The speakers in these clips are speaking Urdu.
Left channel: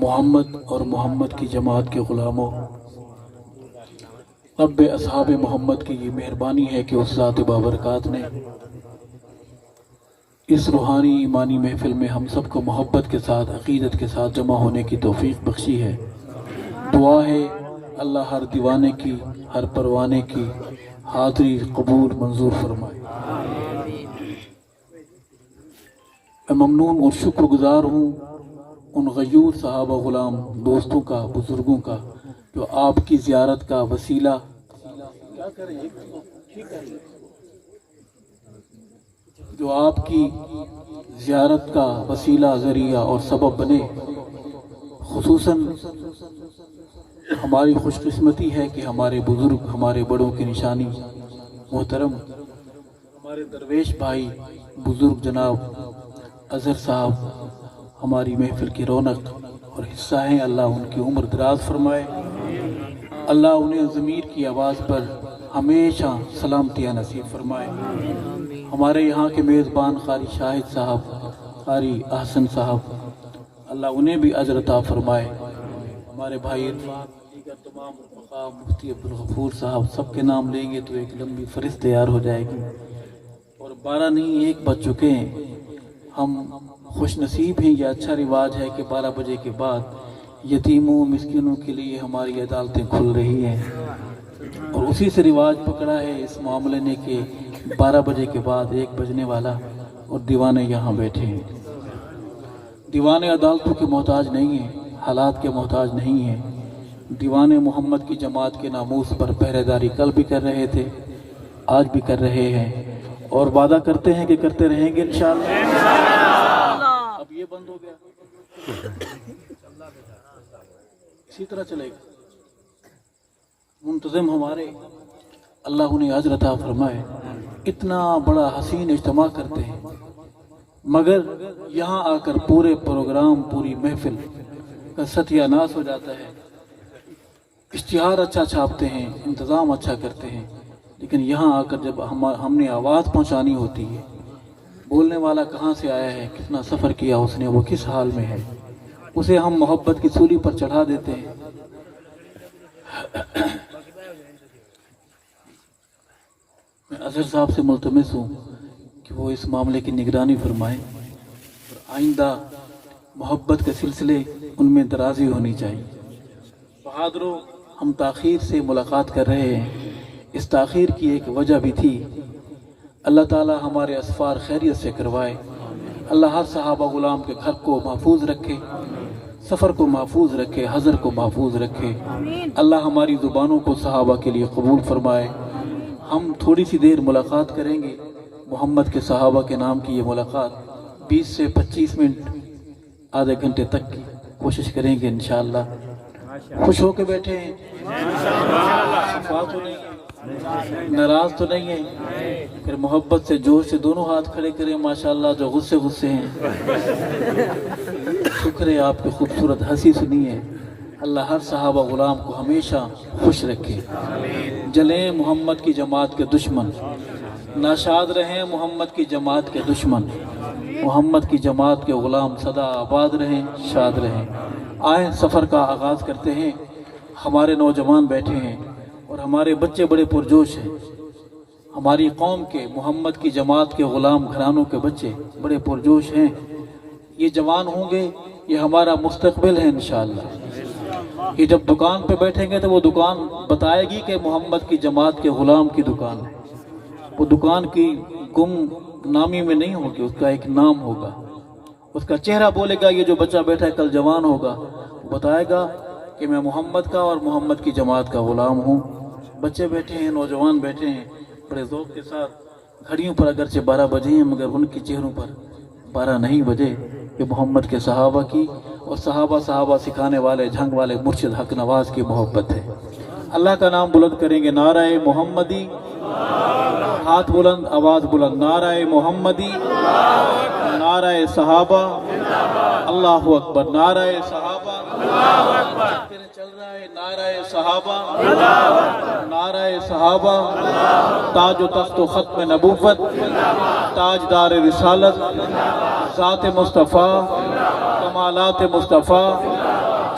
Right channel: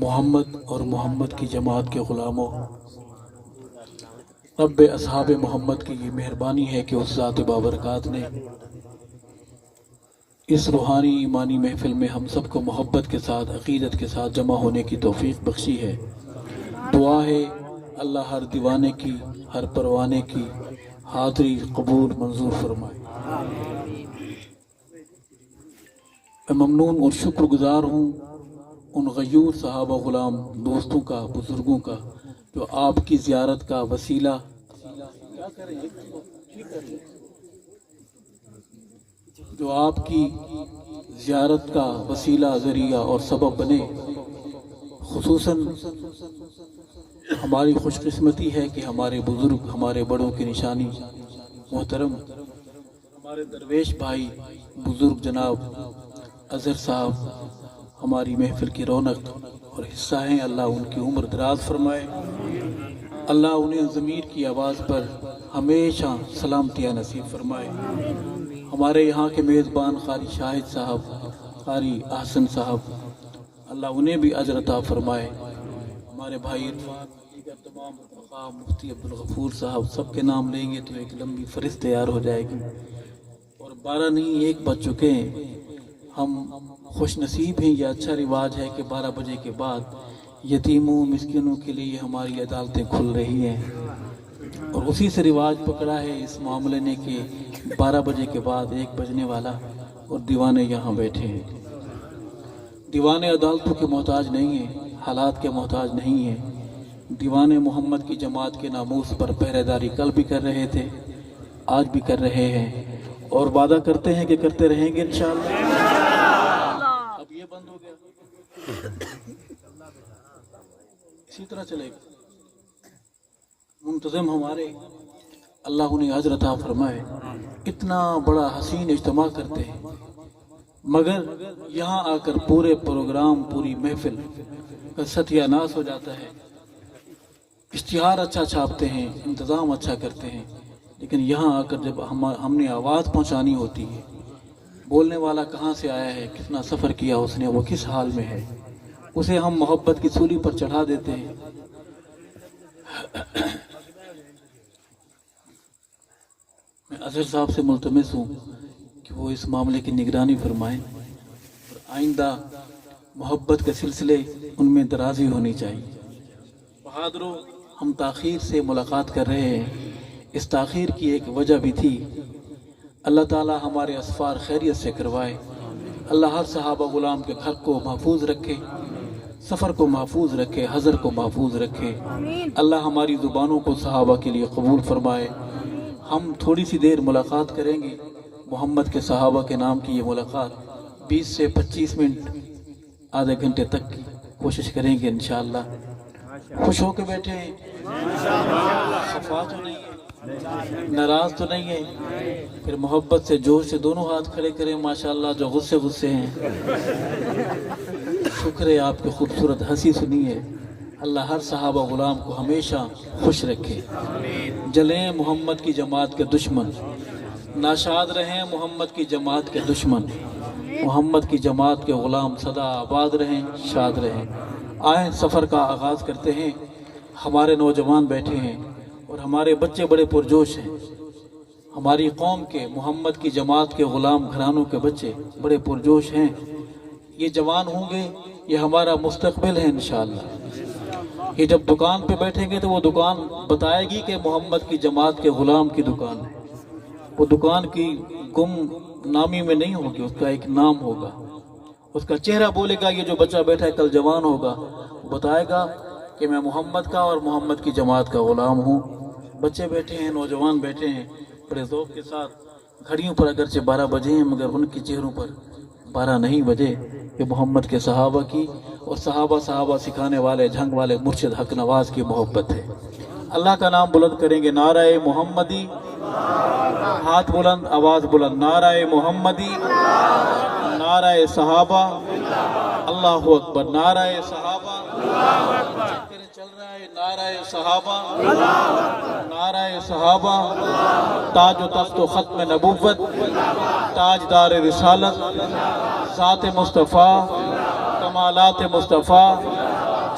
محمد اور محمد کی جماعت کے غلاموں، رب اصحاب محمد کی یہ مہربانی ہے کہ اس ذات بابرکات نے اس روحانی ایمانی محفل میں ہم سب کو محبت کے ساتھ، عقیدت کے ساتھ جمع ہونے کی توفیق بخشی ہے۔ دعا ہے اللہ ہر دیوانے کی، ہر پروانے کی حاضری قبول منظور فرمائے۔ میں ممنون اور شکر گزار ہوں ان غیور صحابہ غلام دوستوں کا، بزرگوں کا، جو آپ کی زیارت کا وسیلہ جو آپ کی زیارت کا وسیلہ، ذریعہ اور سبب بنے۔ خصوصاً ہماری خوش قسمتی ہے کہ ہمارے بزرگ، ہمارے بڑوں کی نشانی محترم ہمارے درویش بھائی بزرگ جناب اظہر صاحب ہماری محفل کی رونق اور حصہ ہیں۔ اللہ ان کی عمر دراز فرمائے، اللہ انہیں ضمیر کی آواز پر ہمیشہ سلامتیاں نصیب فرمائے۔ ہمارے یہاں کے میزبان قاری شاہد صاحب، قاری احسن صاحب، اللہ انہیں بھی اجر عطا فرمائے۔ ہمارے بھائی اتفاق، دیگر تمام رفقا، مفتی عبدالغفور صاحب، سب کے نام لیں گے تو ایک لمبی فہرست تیار ہو جائے گی، اور 12 نہیں 1 بج چکے ہیں۔ ہم خوش نصیب ہیں، یہ اچھا رواج ہے کہ 12 بجے کے بعد یتیموں، مسکینوں کے لیے ہماری عدالتیں کھل رہی ہیں، اور اسی سے رواج پکڑا ہے اس معاملے نے کہ 12 بجے کے بعد 1 بجنے والا، اور دیوانے یہاں بیٹھے ہیں۔ دیوانے عدالتوں کے محتاج نہیں ہیں، حالات کے محتاج نہیں ہیں۔ دیوانے محمد کی جماعت کے ناموس پر پہرے داری کل بھی کر رہے تھے، آج بھی کر رہے ہیں، اور وعدہ کرتے ہیں کہ کرتے رہیں گے انشاءاللہ۔ اب یہ بند ہو گیا، اسی طرح چلے گا۔ منتظم ہمارے، اللہ انہیں اجر عطا فرمائے، اتنا بڑا حسین اجتماع کرتے ہیں، مگر یہاں آ کر پورے پروگرام، پوری محفل کا ستیہ ناس ہو جاتا ہے۔ اشتہار اچھا چھاپتے ہیں، انتظام اچھا کرتے ہیں، لیکن یہاں آ کر جب ہم نے آواز پہنچانی ہوتی ہے، بولنے والا کہاں سے آیا ہے، کتنا سفر کیا اس نے، وہ کس حال میں ہے، اسے ہم محبت کی سولی پر چڑھا دیتے ہیں۔ میں اظہر صاحب سے ملتمس ہوں کہ وہ اس معاملے کی نگرانی فرمائیں، اور آئندہ محبت کے سلسلے ان میں درازی ہونی چاہیے۔ بہادروں، ہم تاخیر سے ملاقات کر رہے ہیں، اس تاخیر کی ایک وجہ بھی تھی۔ اللہ تعالی ہمارے اسفار خیریت سے کروائے، اللہ ہر صحابہ غلام کے گھر کو محفوظ رکھے، سفر کو محفوظ رکھے، حضر کو محفوظ رکھے، اللہ ہماری زبانوں کو صحابہ کے لیے قبول فرمائے۔ ہم تھوڑی سی دیر ملاقات کریں گے، محمد کے صحابہ کے نام کی یہ ملاقات 20 سے 25 منٹ، آدھے گھنٹے تک کی کوشش کریں گے انشاءاللہ۔ خوش ہو کے بیٹھے ہیں، خفا تو نہیں ہے، ناراض تو نہیں ہے، پھر محبت سے جوش سے دونوں ہاتھ کھڑے کریں ماشاءاللہ جو غصے ہیں۔ شکر ہے آپ کی خوبصورت ہنسی سنی ہے۔ اللہ ہر صحابہ غلام کو ہمیشہ خوش رکھے۔ جلیں محمد کی جماعت کے دشمن، ناشاد رہیں محمد کی جماعت کے دشمن، محمد کی جماعت کے غلام سدا آباد رہیں، شاد رہیں۔ آئیں سفر کا آغاز کرتے ہیں۔ ہمارے نوجوان بیٹھے ہیں اور ہمارے بچے بڑے پرجوش ہیں۔ ہماری قوم کے، محمد کی جماعت کے غلام گھرانوں کے بچے بڑے پرجوش ہیں۔ یہ جوان ہوں گے، یہ ہمارا مستقبل ہے انشاءاللہ۔ یہ جب دکان پہ بیٹھیں گے تو وہ دکان بتائے گی کہ محمد کی جماعت کے غلام کی دکان ہے۔ وہ دکان کی گم نامی میں نہیں ہوگی، اس کا ایک نام ہوگا، اس کا چہرہ بولے گا یہ جو بچہ بیٹھا ہے کل جوان ہوگا، وہ بتائے گا کہ میں محمد کا اور محمد کی جماعت کا غلام ہوں۔ بچے بیٹھے ہیں، نوجوان بیٹھے ہیں، بڑے ذوق کے ساتھ، گھڑیوں پر اگرچہ 12 بجے ہیں مگر ان کی چہروں پر 12 نہیں بجے، یہ محمد کے صحابہ کی اور صحابہ سکھانے والے، جھنگ والے مرشد حق نواز کی محبت ہے۔ اللہ کا نام بلند کریں گے، نعرہ محمدی، ہاتھ بلند، آواز بلند، نعرہ محمدی، نعرہ صحابہ، اللہ اکبر، نعرہ صحابہ، چل رہا ہے، نعرہ صحابہ، نعرہ صحابہ، تاج و تخت و ختم نبوت، تاجدار رسالت، ذات مصطفیٰ، کمالات مصطفیٰ،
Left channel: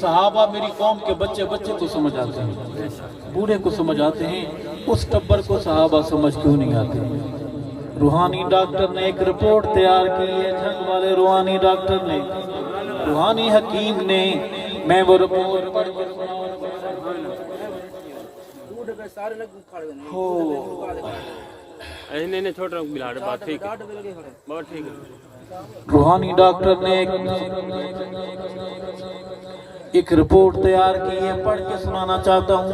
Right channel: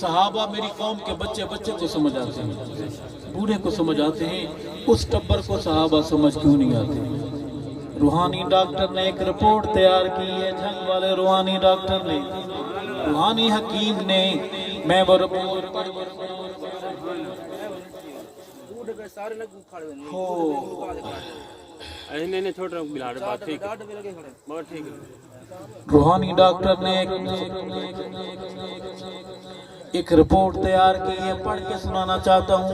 صحابہ میری قوم کے بچے بچے کو سمجھ آتے ہیں، بوڑھے کو سمجھ آتے ہیں، اس ٹبر کو صحابہ سمجھ کیوں نہیں آتے؟ روحانی ڈاکٹر نے ایک رپورٹ تیار کی ہے، جھنگ والے روحانی ڈاکٹر نے، روحانی حکیم نے، میں وہ رپورٹ پڑھ نہیں چھوڑ رہا ہوں بلال بات ٹھیک ہے بہت ٹھیک ہے روحانی ڈاکٹر نے ایک رپورٹ تیار کی ہے، پڑھ کے سنانا چاہتا ہوں،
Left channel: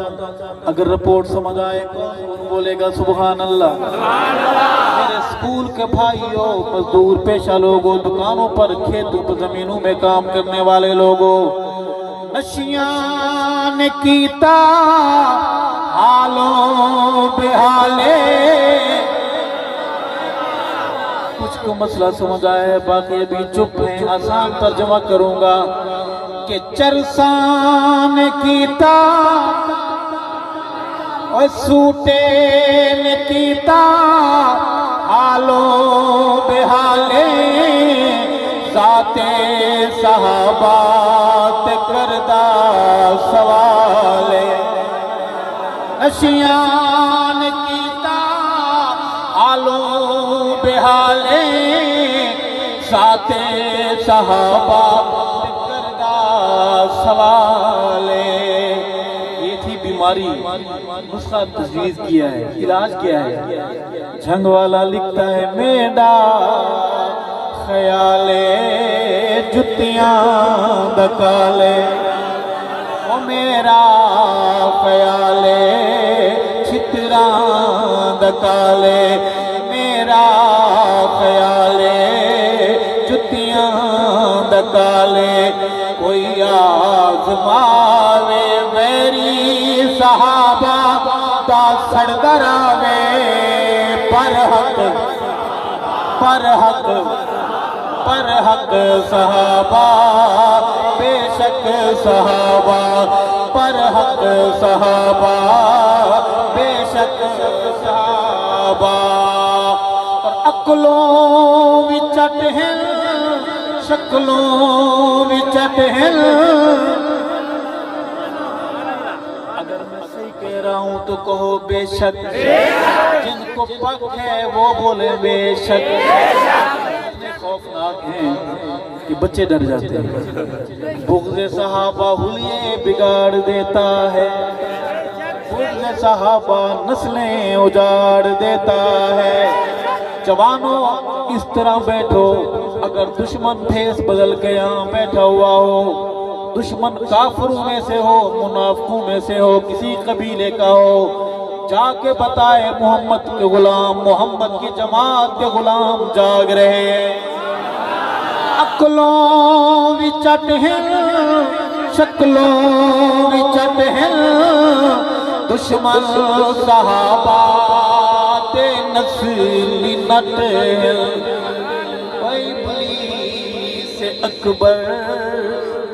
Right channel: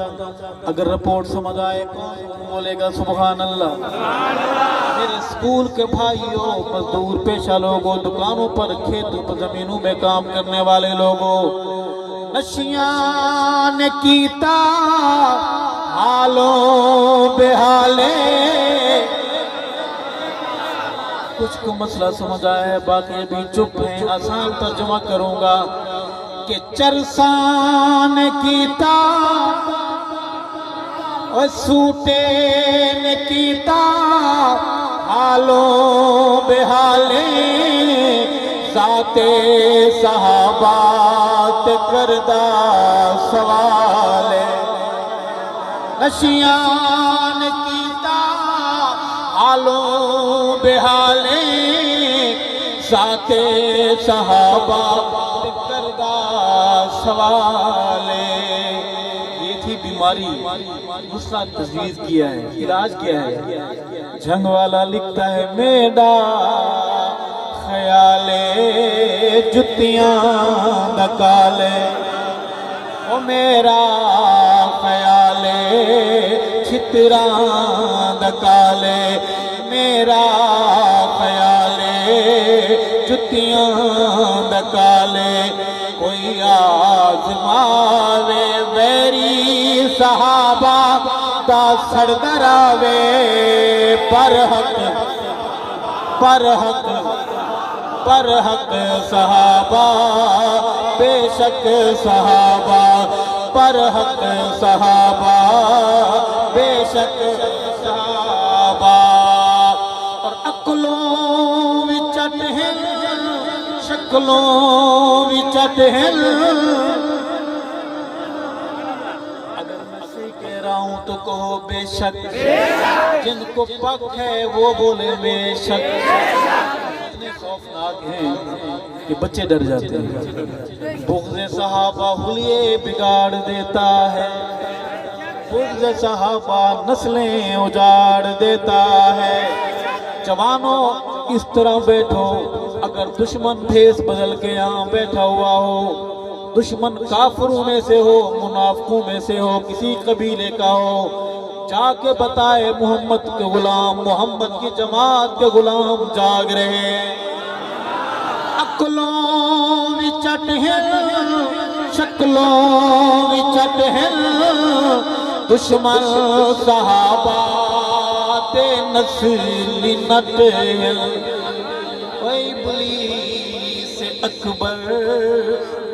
اگر رپورٹ سمجھ آئے کون بولے گا سبحان اللہ؟ میرے اسکول کے بھائیوں، مزدور پیشہ لوگوں، دکانوں پر، کھیتوں پر، زمینوں میں کام کرنے والے لوگوں، نشیاں نے کیتا حالوں بے حالے، کچھ کو مسئلہ سمجھ آیا ہے، باقی ابھی چپ ہیں، آسان ترجمہ کروں گا کہ چرسان کیتا اور سوٹے نے کیتا حالوں بے حالے، ذات صحابات کردہ سوال نشیان کیتا حالوں بے حالے، ذات صحابہ سوال، یہ تھی بیماری، نسخہ تجویز کیا ہے، علاج کیا ہے؟ جھنگ والا لکھتا ہے میرا خیال جتیاں دکالے، او میرا خیال چتراں دکالے، میرا خیال جتیاں دکالے، کوئی آزماوے میری صحابہ دا سردراوے، پر حق صحابہ، بے شک صحابہ، پر حق صحابہ، بے شک صحابہ، عقلوں بھی چٹ ہیں، شکلوں بھی چٹ ہیں، اگر میں صحیح کہہ رہا ہوں تو کہو بے شک، جن کو پک ہے وہ بولے بے شک، اتنے خوفناک ہیں کہ بچے ڈر جاتے ہیں، بغض صحابہ حلیے بگاڑ دیتا ہے، بغض صحابہ نسلیں اجاڑ دیتا ہے، جوانوں اس طرح بیٹھو، اگر دشمن بھیس بدل کے یہاں بیٹھا ہوا ہو، دشمن کافروں میں سے ہو، منافقوں میں سے ہو، کسی قبیلے کا ہو، جا کے بتائے محمد کے غلام، محمد کی جماعت کے غلام جاگ رہے، عقلوں بھی چٹ ہیں، شکلوں بھی چٹ ہیں، دشمن صحابہ تے نسلی نٹ ہیں، ابلیس اکبر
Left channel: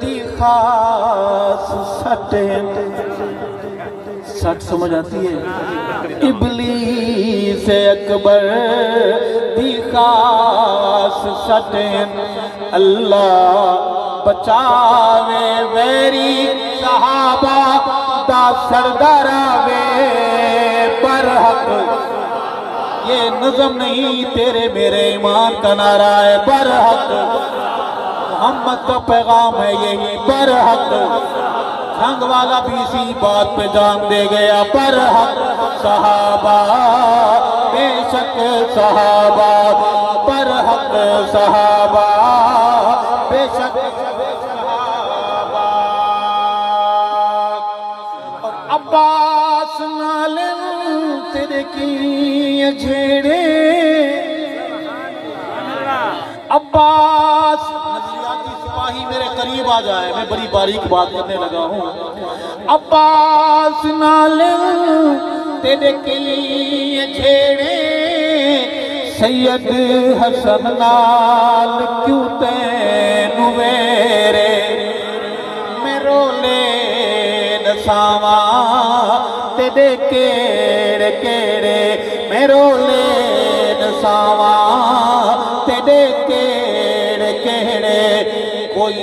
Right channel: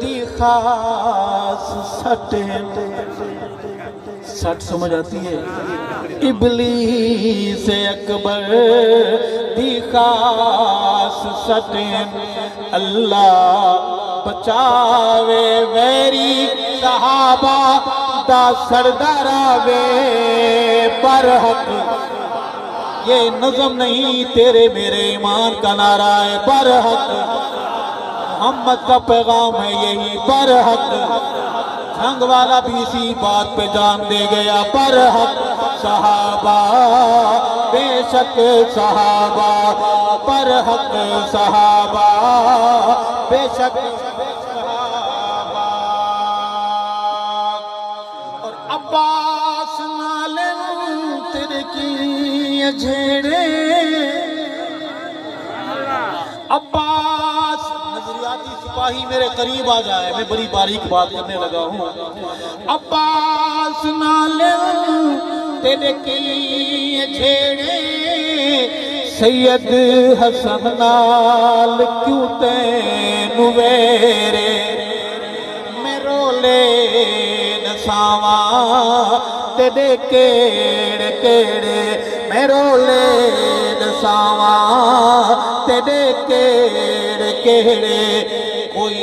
دی خاص سٹ ہے، سٹ سمجھ آتی ہے؟ ابلیس اکبر دی خاص سٹ ہے، اللہ بچاوے ویری صحابہ دا سرداراوے، برحق یہ نظم نہیں تیرے میرے ایمان کا نعرہ ہے، برحق محمد کا پیغام ہے یہی، برحق جھنگ والا بھی اسی بات پہ جان دے گیا، برحق صحابہ، بے شک صحابہ، برحق صحابہ، بے شک صحابہ، اور عباس مالن تیرے کی جھیڑے، عباس نظریاتی سپاہی میرے قریب آ جائے، میں بڑی باریک بات کرنے لگا ہوں، عباس نالن تیرے کی جھیڑے، سید حسن نال کیوں تینو ویرے، میں رولے نساواں تیرے کیڑے کیڑے، میں رولے نساواں تیرے کیڑے کیڑے، کوئی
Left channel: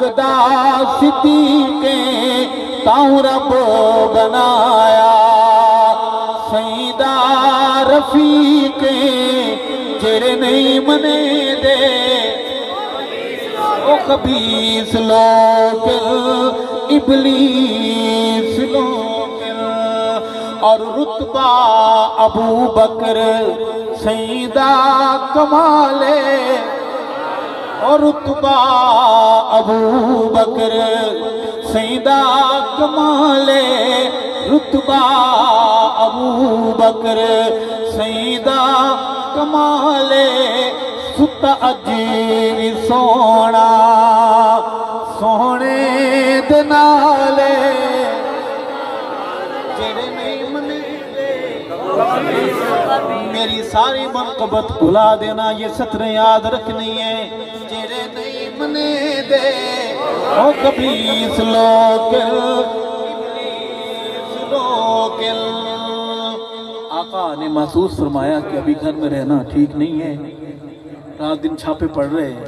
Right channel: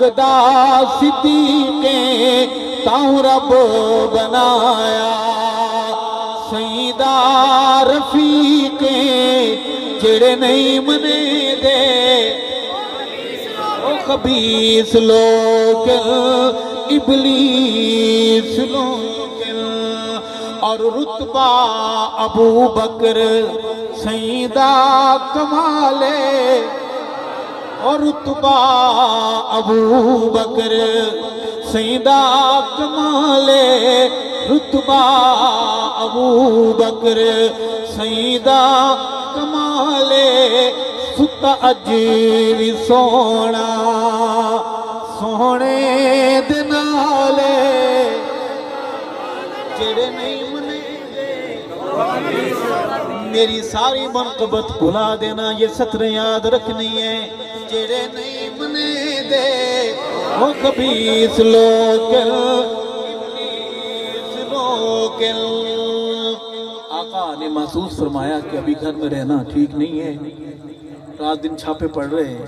مگدا صدیقیں تاؤں رب بنایا سیدہ رفیقیں جڑے نہیں منے دے او خبیث لوگ ابلیس لوگ اور رتبہ ابو بکر سیدہ کمالے اور رتبہ ابو بکر سیدہ کمالے رتبہ ابو بکر سیدہ کمالے ست اجیر سونا سونے دنالے جڑے نہیں منے دے میری ساری منقبت بھلا دینا یہ سطریں یاد رکھنی ہے جڑے نہیں منے دے او خبیث لوگ آقا نے محسوس فرمایا کہ ابھی گھر میں رہنا ٹھیک نہیں ہے رات دن چھاپے پڑ رہے ہیں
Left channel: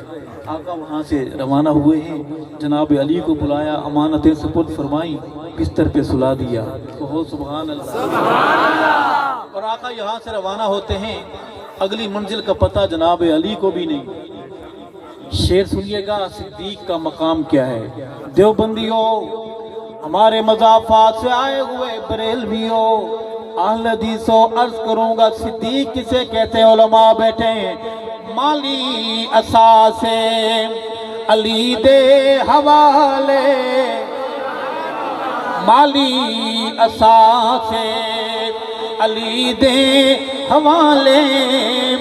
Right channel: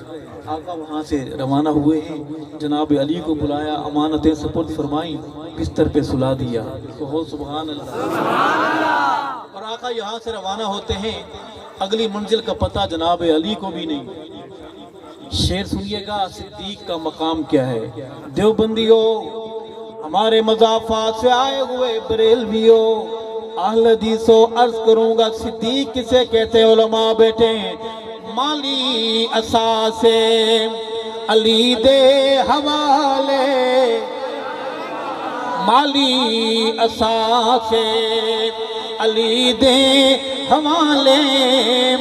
آقا وہاں سے روانہ ہوئے ہیں جناب علی کو بلایا امانتیں سپرد فرمائی بستر پہ سلا دیا کہو سبحان اللہ اور آقا یہاں سے روانہ ہوتے ہیں اگلی منزل کا پتہ جناب علی کو بھی نہیں شعر سنیے گا صدیق کا مقام کیا ہے دیوبندیوں ہمارے مضافات سے آئے ہوئے بریلویوں اہل حدیثوں عرض کروں گا صدیق کسے کہتے ہیں علماء بیٹھے ہیں مالی اساسے علی دے حوالے مالی اساسے علی دے حوالے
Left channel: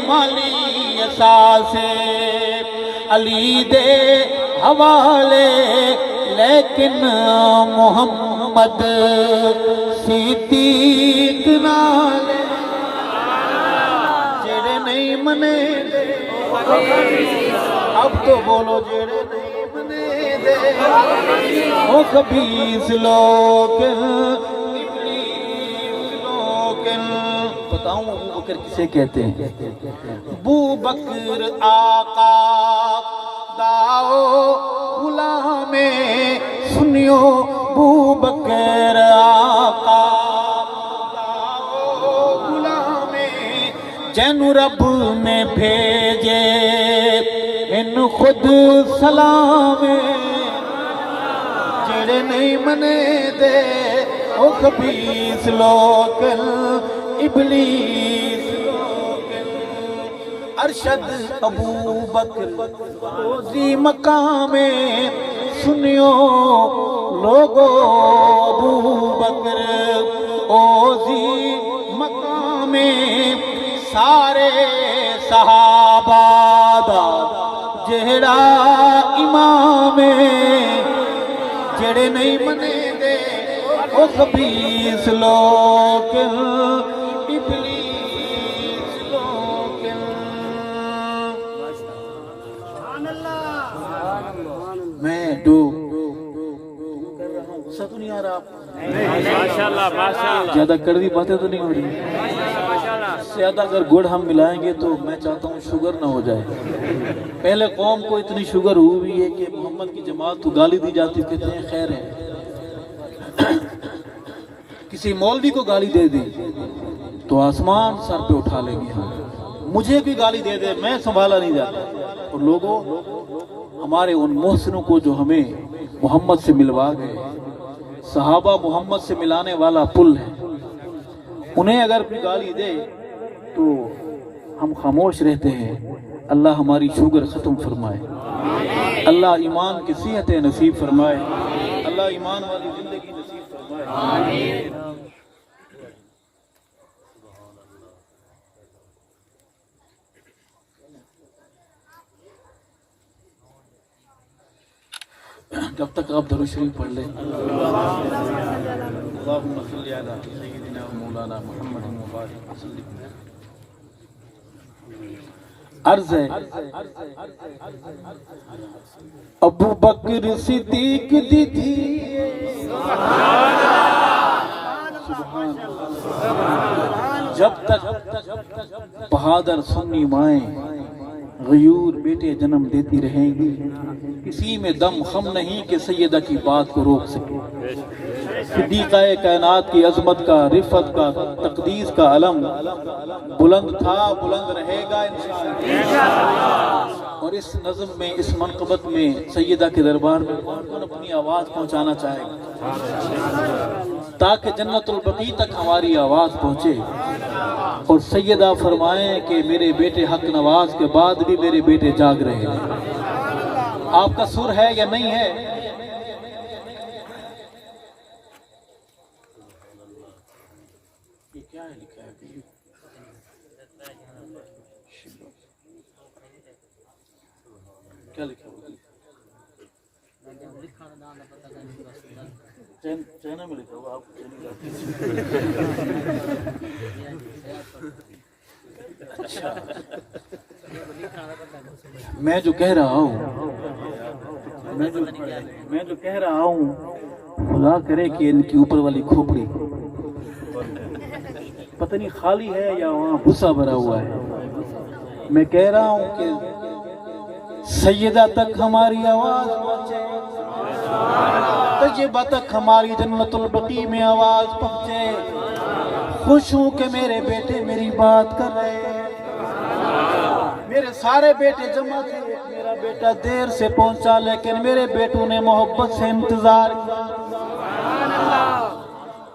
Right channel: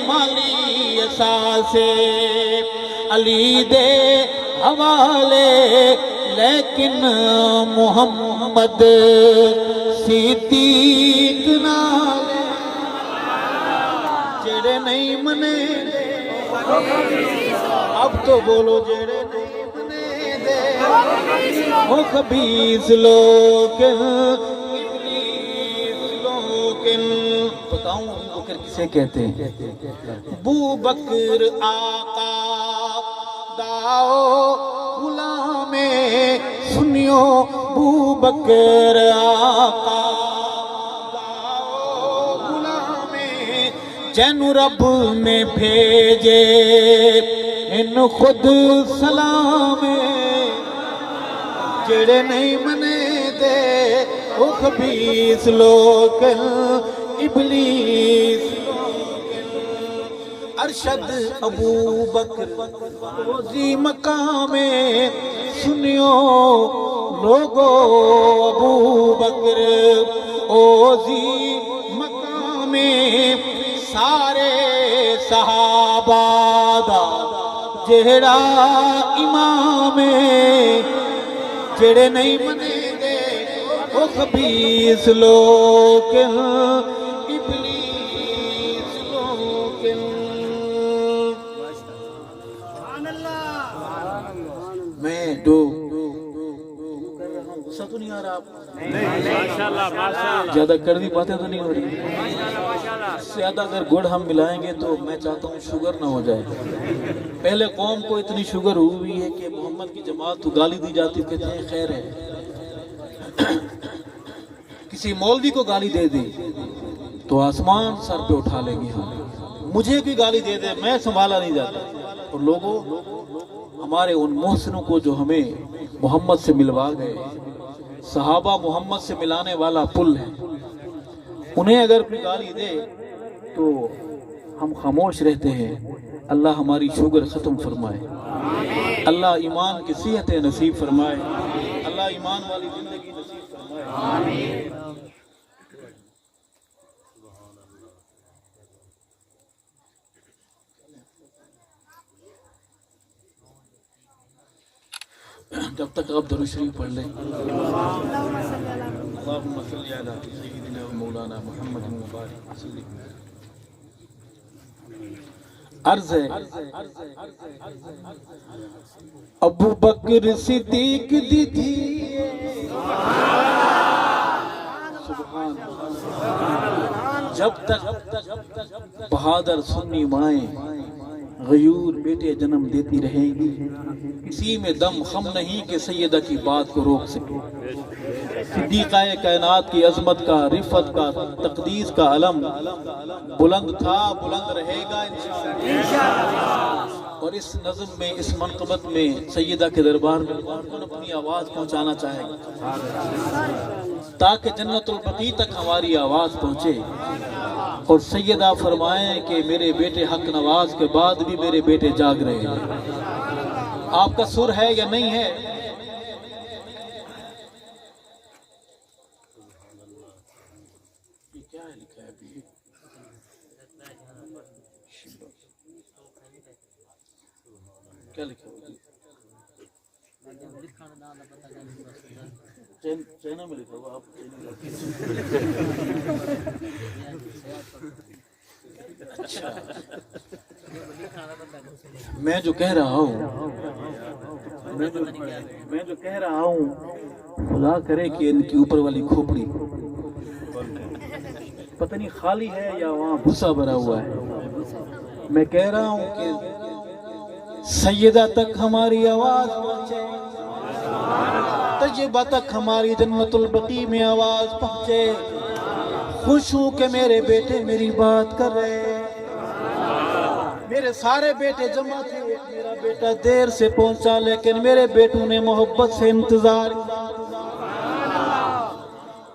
مالی اساسے علی دے حوالے لیکن محمد صدیق نالے جڑے نہیں منے دے اب تو بولو جڑے نہیں منے دے وہ خبیث لوگ بتاؤں ابو بکر کسے کہتے ہیں ابو بکر آقا داؤ غلام سنیو ابو بکر آقا داؤ غلام جن رب میں بھیجے ان خود سلام جڑے نہیں منے دے وہ خبیث لوگ ابلیس ارشد ابو بکر روزی مقام سنیو لوگو ابو بکر اوزی مقام سارے صحابہ دا جہڑا امام جڑے نہیں منے دے وہ خبیث لوگ ابلیس لوگ میں جو کر رہا ہوں غصہ تو نہیں آ رہا آپ زیادہ کڑوی باتیں تو نہیں ہو رہی زیادہ اگر گڑ ہم ملائیں گے تو میں چاہتا ہوں شوگر نہ ہو جائے پہلے قوم کو اتنی شوگر ہوئی ہے کہ محمد کی جماعت کو گالی دی جاتی کہتے ہیں خیر ہے کسی مولوی کو گالی دے دی تو آسمان سر پہ اٹھا لیں گے مجھے بھی گالی دے دے میں سنبھالا نہیں جاتا اور لوگوں ہمارے ان محسنوں کو جو ہمیں محمد سے ملوا گئے صحابہ محمد سے ملانے والا پل ہے انہیں اگر کوئی گالی دے تو ہم خاموش رہتے ہیں اللہ ہماری شوگر ختم فرمائے اللہ ایمان کی صحت نصیب فرمائے اللہ ایمان والی زندگی نصیب فرمائے جب تک آپ درود شریف پڑھ لیں اللہم صلی علی سیدنا مولانا محمد مبارک وسلم عرض ہے ابو بکر صدیق دی تھی جب تک بہادر سنی مائیں غیور بیٹے جنم دیتی رہیں گی، کسی میں دم خم نہیں کہ سیدہ کی بات کو روک سکے۔ صدیقہ کائنات کی عظمت کا، رفت کا، تقدیس کا علم بلند تھا، بلند رہے گا انشاءاللہ۔ اور اس نظم میں، اس منقبت میں سیدہ کے دربار میں کون کون اپنی آواز پہنچانا چاہے گا تاکہ جنت البقیع تک ہماری آواز پہنچے اور سیدہ فرمائیں کہ میرے بیٹے حق نواز کے بعد بھی میرے بیٹے جاگ رہے ہیں۔ آپ کا سر ہے یا نہیں ہے؟ یہ کیا ہے لکھا ہے ابھی؟ کیا لکھا ہے؟ چینہ میں لکھا ہوا، آپ میں جو کہہ رہا ہوں، میں جو کہہ رہا ہوں، خدا کرے کہ ان کی اوپر والی کھوپڑی پتہ نہیں خالی ہے یا وہاں بھوسا بھرا ہوا ہے۔ میں کہہ رہا ہوں کہ سیدہ تک ہماری آواز پہنچے، طیبہ تک ہماری جنت البقیع میں آواز پہنچے۔ خوش ہوں کہ میرے بیٹے میری بات کر رہے ہیں، میرے سارے بیٹے جمع تھے، میرا بیٹا دیر سے پہنچا لیکن میرے بیٹوں نے محبت سے انتظار کیا۔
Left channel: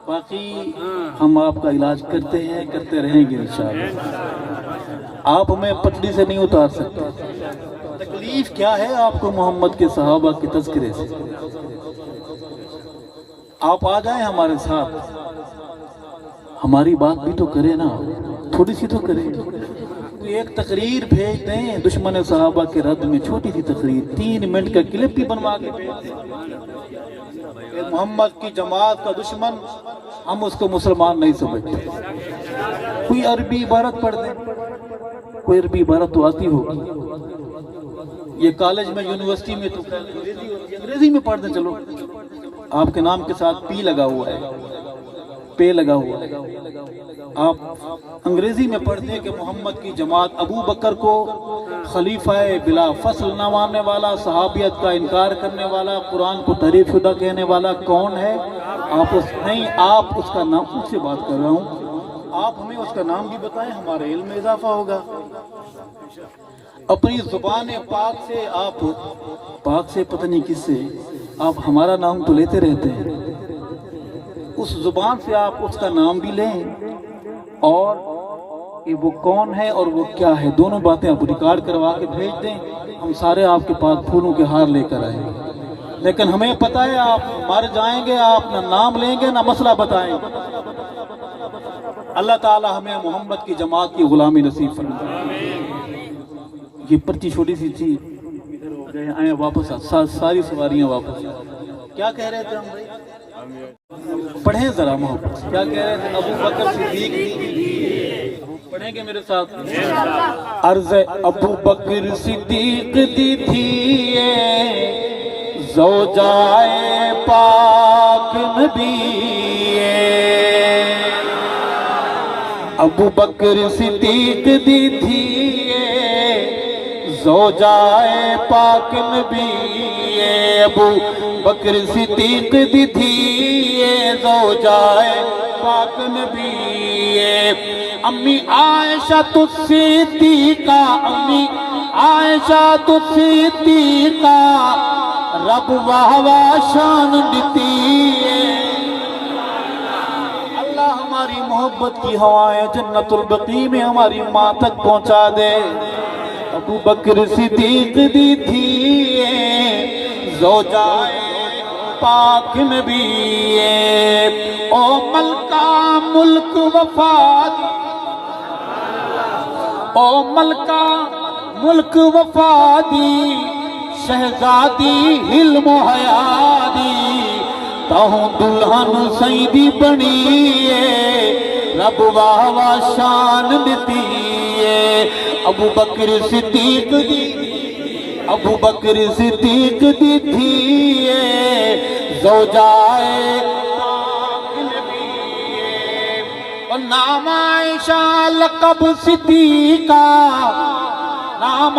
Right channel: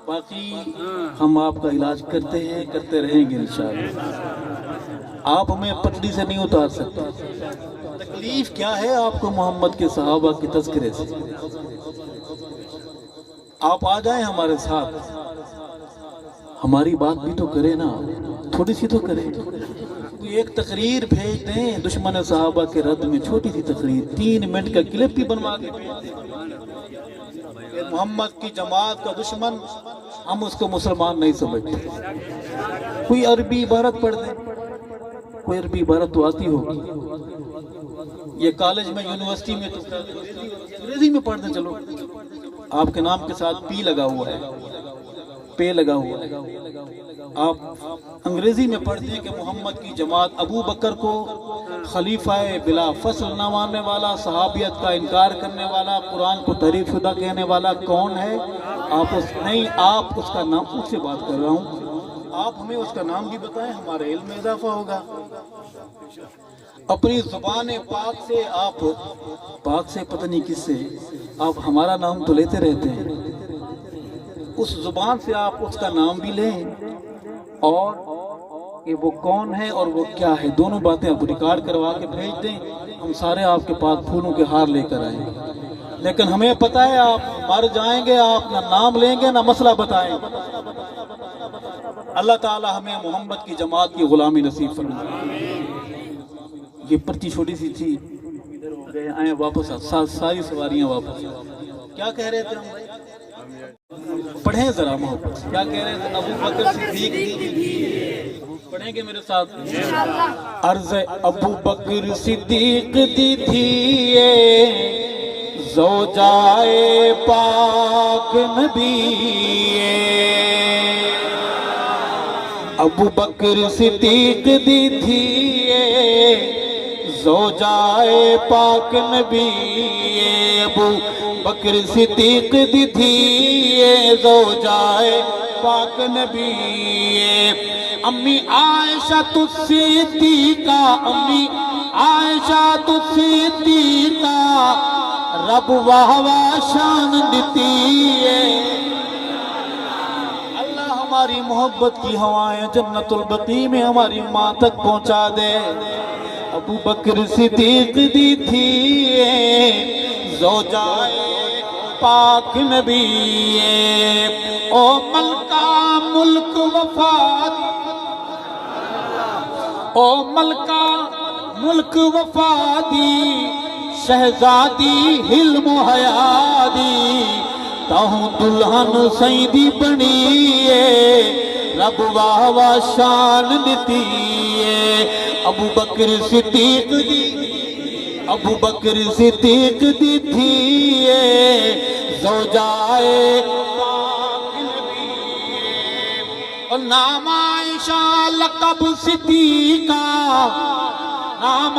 باقی ہم آپ کا علاج کرتے ہیں، کرتے رہیں گے انشاءاللہ۔ آپ ہمیں پٹڑی سے نہیں اتار سکتے۔ تکلیف کیا ہے آپ کو محمد کے صحابہ کی تذکرے سے؟ آپ آ جائیں ہمارے ساتھ، ہماری بات بھی تو کرے نا، تھوڑی سی تو کرے۔ ایک تقریر بھیج دیں دشمن صحابہ کے رد میں، چھوٹی سی تقریر 3 منٹ کا کلپ بھی بنوا کے بھیج دیں۔ محمد کی جماعت کا دشمن، ہم اس کو مسلمان نہیں سمجھتے۔ کوئی عربی عبارت پڑھ دیں، کوئی عربی عبارت تو آتی ہوگی، یہ کالج میں یونیورسٹی میں تو انگریزی ہوتی ہے، انگریزی میں پڑھ دیں۔ چلو آپ کے نام کے ساتھ پی لگا ہوا ہے، پے لگا ہوا ہے، آپ انگریزی میں پڑھ دیں کہ محمد کی جماعت ابو بکر کو خلیفہ بلا فصل نہ ماننے والا، صحابیت کا انکار کرنے والا، قرآن کو تحریف شدہ کہنے والا کون ہے؟ آپ اس کا نام، اس سے بات کر رہا ہوں، آپ ہمیں اس کا نام بھی بتائیں، ہمارے علم میں اضافہ ہوگا۔ اپنی زبان پاک سے، آپ پاک سے پتہ نہیں کس سے، آپ ہمارا نام تو لیتے رہتے ہیں، اس زبان سے آپ اس کا نام بھی لیں اور کہ وہ کون ہے اور وہ کیا ہے، دونوں باتیں آپ ریکارڈ کروا کے بھیج دیں، ہم سارے آپ کے پاس پھولوں کے ہار لے کر آئیں گے۔ لیکن ہمیں پتہ ہے آپ مر جائیں گے، آپ نہ نام لیں گے نہ مسئلہ بتائیں گے۔ اللہ تعالی ہمیں محمد کی جماعت کی غلامی نصیب فرمائے۔ یہ پرچی چھوٹی سی تھی، ادھر ہو گئے، آئیں واپس ساری سواریاں واپس۔ کیا کہہ رہے تھے ہم بھائی؟ پڑھیں ذرا محبت، کیا کہہ رہے تھے؟ ابو بکر صدیق، پڑھیں گے میرے ساتھ؟ عرض ابو بکر صدیق دی تھی زوجائے پاک نبی، ابو بکر صدیق دی تھی زوجائے پاک نبی، ابو بکر صدیق دی تھی زوجائے پاک نبی، امی عائشہ صدیقہ، امی عائشہ صدیقہ رب واہ شان دیتی ہے۔ اللہ ہماری محبت کی ہوائیں جنت البقیع میں ہماری ماں تک پہنچا دے۔ ابو بکر صدیق دی تھی زوجائے پاک نبی، او ملکہ ملک وفات، او ملکہ ملک وفادی، شہزادی حلم و حیادی، تاہوں دلہن سیدی بنی رب واہ واہ شان دیتی ہے۔ ابو بکر صدیق دی، ابو بکر صدیق دی تھی زوجائے پاک نبی، اور نام عائشہ لقب صدیقہ، نام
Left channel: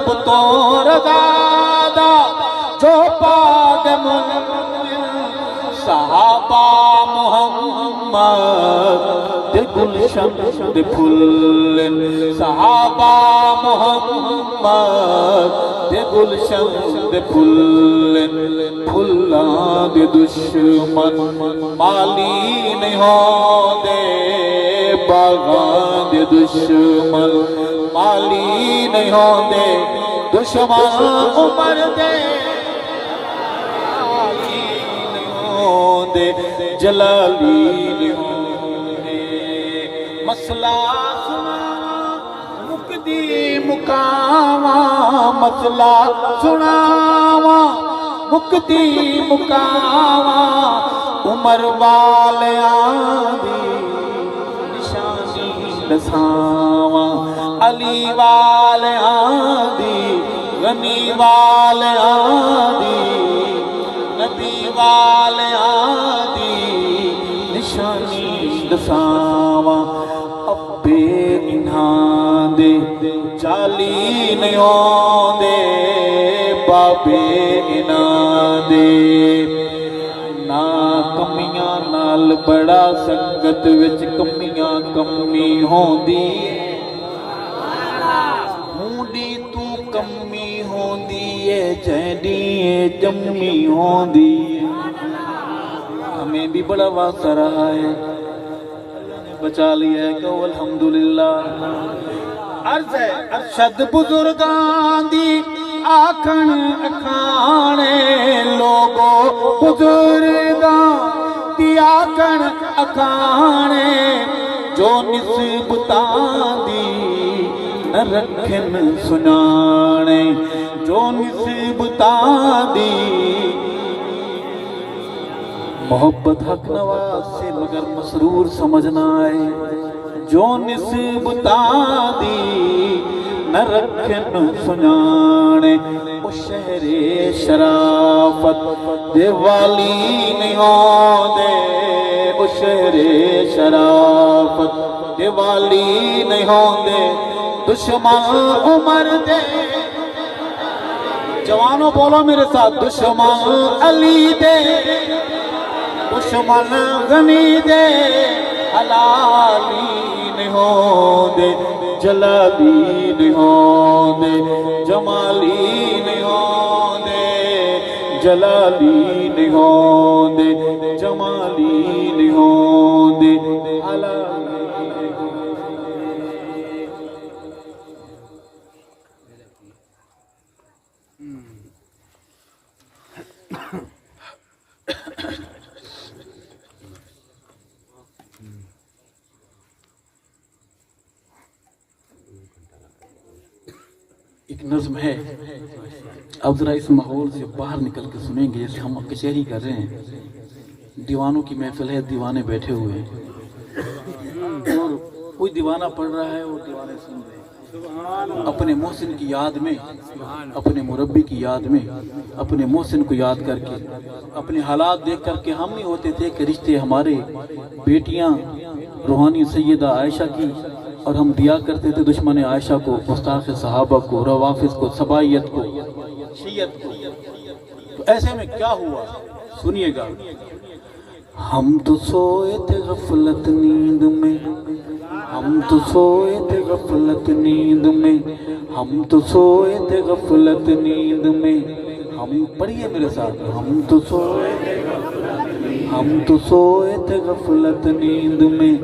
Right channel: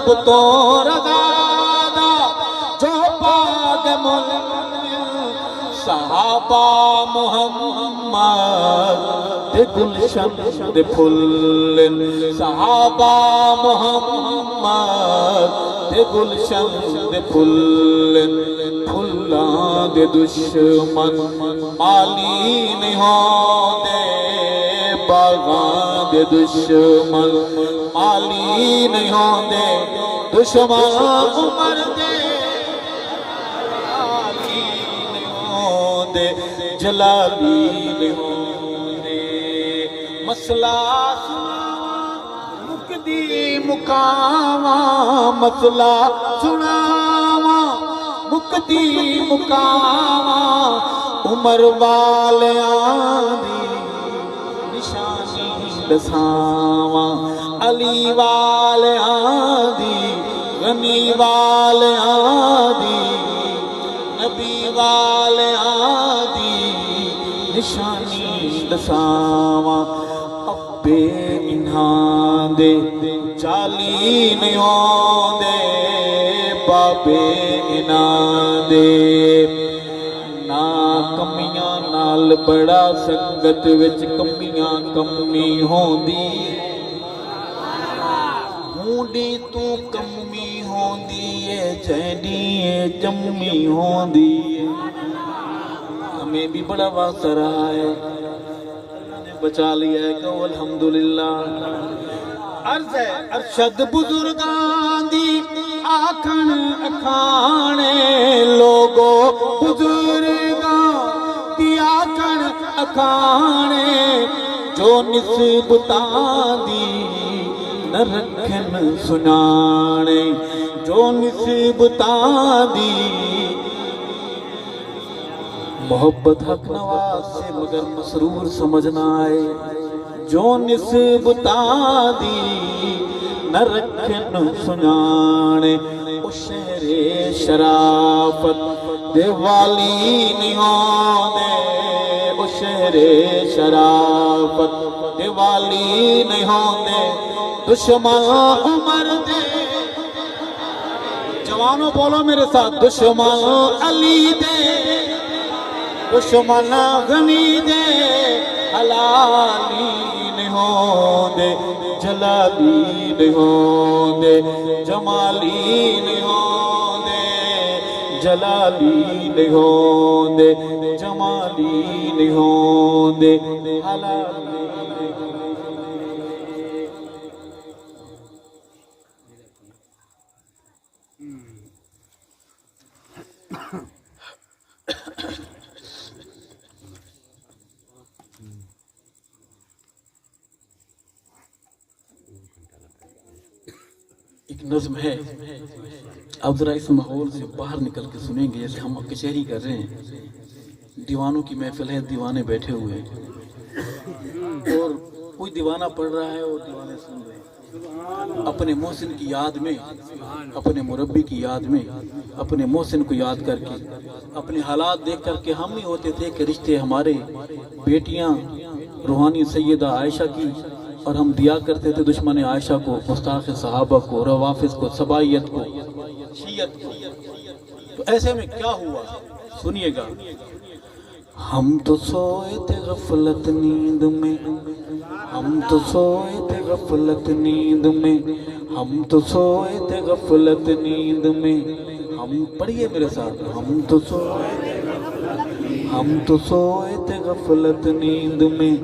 رب تو رضا دا جو پاک صحابہ محمد دے گلشن دے پھل صحابہ محمد دے گلشن دے پھل پھلاں دے دشمن مالی نہیں ہوں دے باغاں دے دشمن مالی نہیں ہوں دے دشمن عمر دے دے جلالی دے مسئلہ سناواں مکدی مکاواں مسئلہ سناواں مکدی مکاواں عمر والیاں دی نشانی دساواں علی والیاں دی غنی والیاں دی نبی والیاں دی نشانی دساواں ابے انہاں دے چالی نہیں ہوندے بابے انہاں دے نا کمیاں نال بڑا سنگت وچ کمیاں کمی ہوندی ہونڈی تو کمی ہوندی ہے جہڈی جمی ہوندی ہمیں بھی بڑا واسطہ رہا ہے اللہ نے بچا لیا ہے کہو الحمدللہ عرض ہے ارشد بزرگاں دی آکھن اکھانے لوگو بزرگاں دی آکھن اکھانے جو نسبتاں دی نہ رکھن سنانے جو نسبتاں دی محبت حق نواز سے مگر مسرور سمجھنا آئے جو نسبتاں دی نہ رکھن سنانے او شہر شرافت دے والی نہیں ہوندے او شہر شرافت دے والی نہیں ہوندے دشمن عمر دے جوانوں بولو میرے ساتھ دشمن علی دے دشمن غنی دے حلالی نہیں ہوندے جلالی نہیں ہوندے جمالی نہیں ہوندے جلالی نہیں ہوندے جمالی نہیں ہوندے حلالی نہیں ہوندے ایک نظم ہے اب ذرا اس ماحول سے باہر نکل کے سنیں گے جیسے ہم کچہری کر رہے ہیں دیوانوں کی محفل ہے دیوانے بیٹھے ہوئے ہیں اور کوئی دیوانہ پڑھ رہا ہے اور دیوانے سن رہے ہیں اپنے محسن کی یاد میں اپنے مربی کی یاد میں اپنے محسن کو یاد کر کے اپنے حالات دیکھ کر کے ہم ہی ہوتے تھے کہ رشتے ہمارے بیٹیاں روحانی سیدہ عائشہ کی اور ہم دیا کرتے تھے دشمن عائشہ کو گستاخ صحابہ کو روافظ کو سبائیت کو شیعت کو تو ایسے میں کیا ہوا سنیے گا ہم تو سوئے تھے غفلت نیند میں ہم تو سوئے تھے غفلت نیند میں ہم تو سوئے تھے غفلت نیند میں ہم پڑھیے میرے ساتھ ہم تو سوئے تھے غفلت نیند میں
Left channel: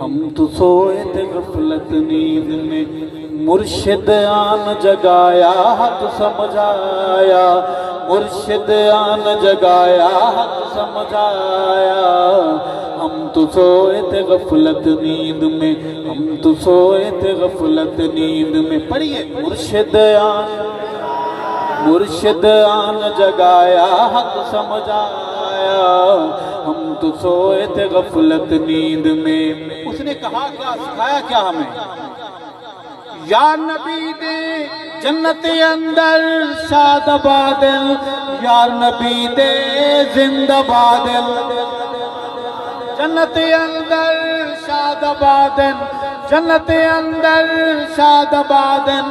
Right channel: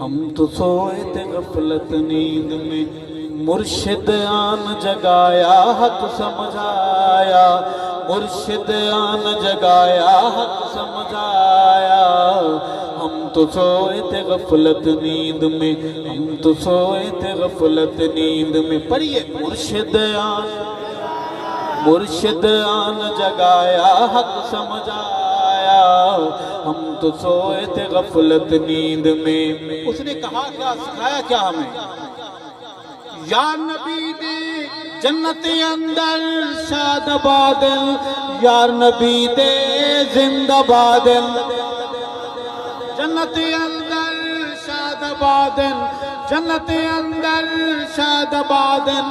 ہم تو سوئے تھے غفلت نیند میں مرشد آن جگایا حق سمجھایا مرشد آن جگایا حق سمجھایا ہم تو سوئے تھے غفلت نیند میں ہم تو سوئے تھے غفلت نیند میں پڑھیے مرشد آن جگایا حق سمجھایا ہم تو سوئے تھے غفلت نیند میں اس نے کہا کیا سکھایا کیا ہمیں یا نبی دے جنت اندر شاد بادل یار نبی دے زندہ بادل جنت اندر شاد بادل جنت اندر شاد بادل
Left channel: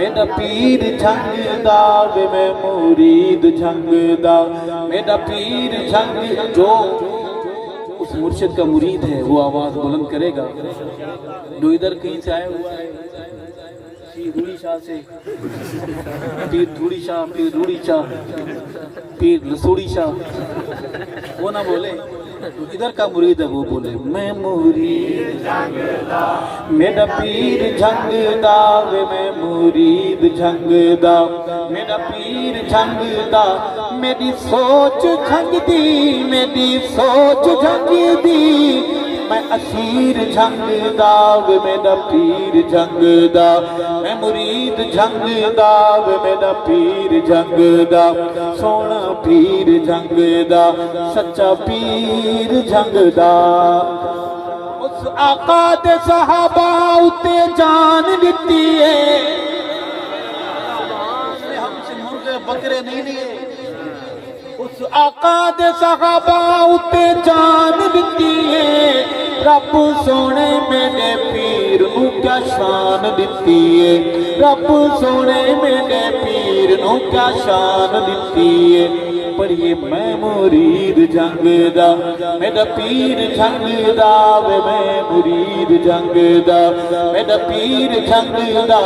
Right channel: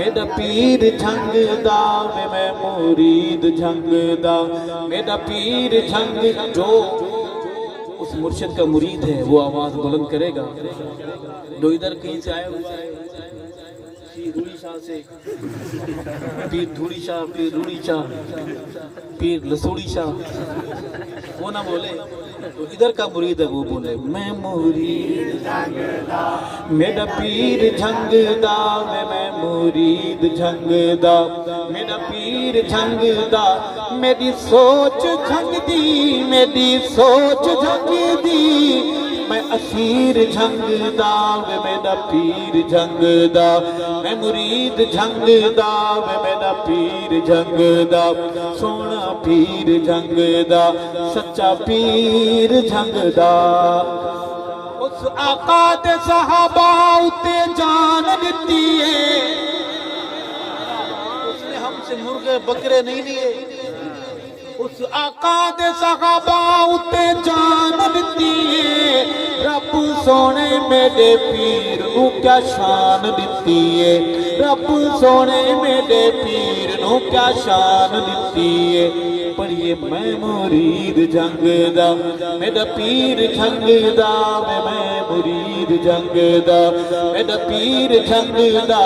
میرا پیر جھنگدا وے میں مرید جھنگدا میرا پیر جھنگ جو اس مرشد کا مرید ہے وہ آواز بلند کرے گا. جو ادھر کہیں سے آیا ہوا ہے پیر روڑی شاہ سے، پیر دھوڑی شاہ، پیر روڑی شاہ، پیر لسوڑی شاہ، وہ نہ بولے. تو ادھر کا مرید ہے وہ بولے میں مرید جھنگدا میرا پیر جھنگدا وے میں مرید جھنگدا میرا پیر جھنگدا میری سوچ جھنگدی میری سوچ جھنگدی میں اسیر جھنگدا وے میرا پیر جھنگدا میں مرید جھنگدا وے میرا پیر جھنگدا سونا پیر جھنگدا سچا پیر جھنگدا. اس آقا دے صحابہ اتے جان دیتی ہے، اس نے ہم سے مرغے بکرے نہیں لیے. اس آقا دے صحابہ اتے جان دیتی ہے، رب سونے میرے پیر نو کیا شان دیتی ہے، رب سونے میرے پیر نو کیا شان دیتی ہے. پڑھیے میں مرید جھنگدا میرا پیر جھنگدا وے میں مرید جھنگدا میرا پیر جھنگدا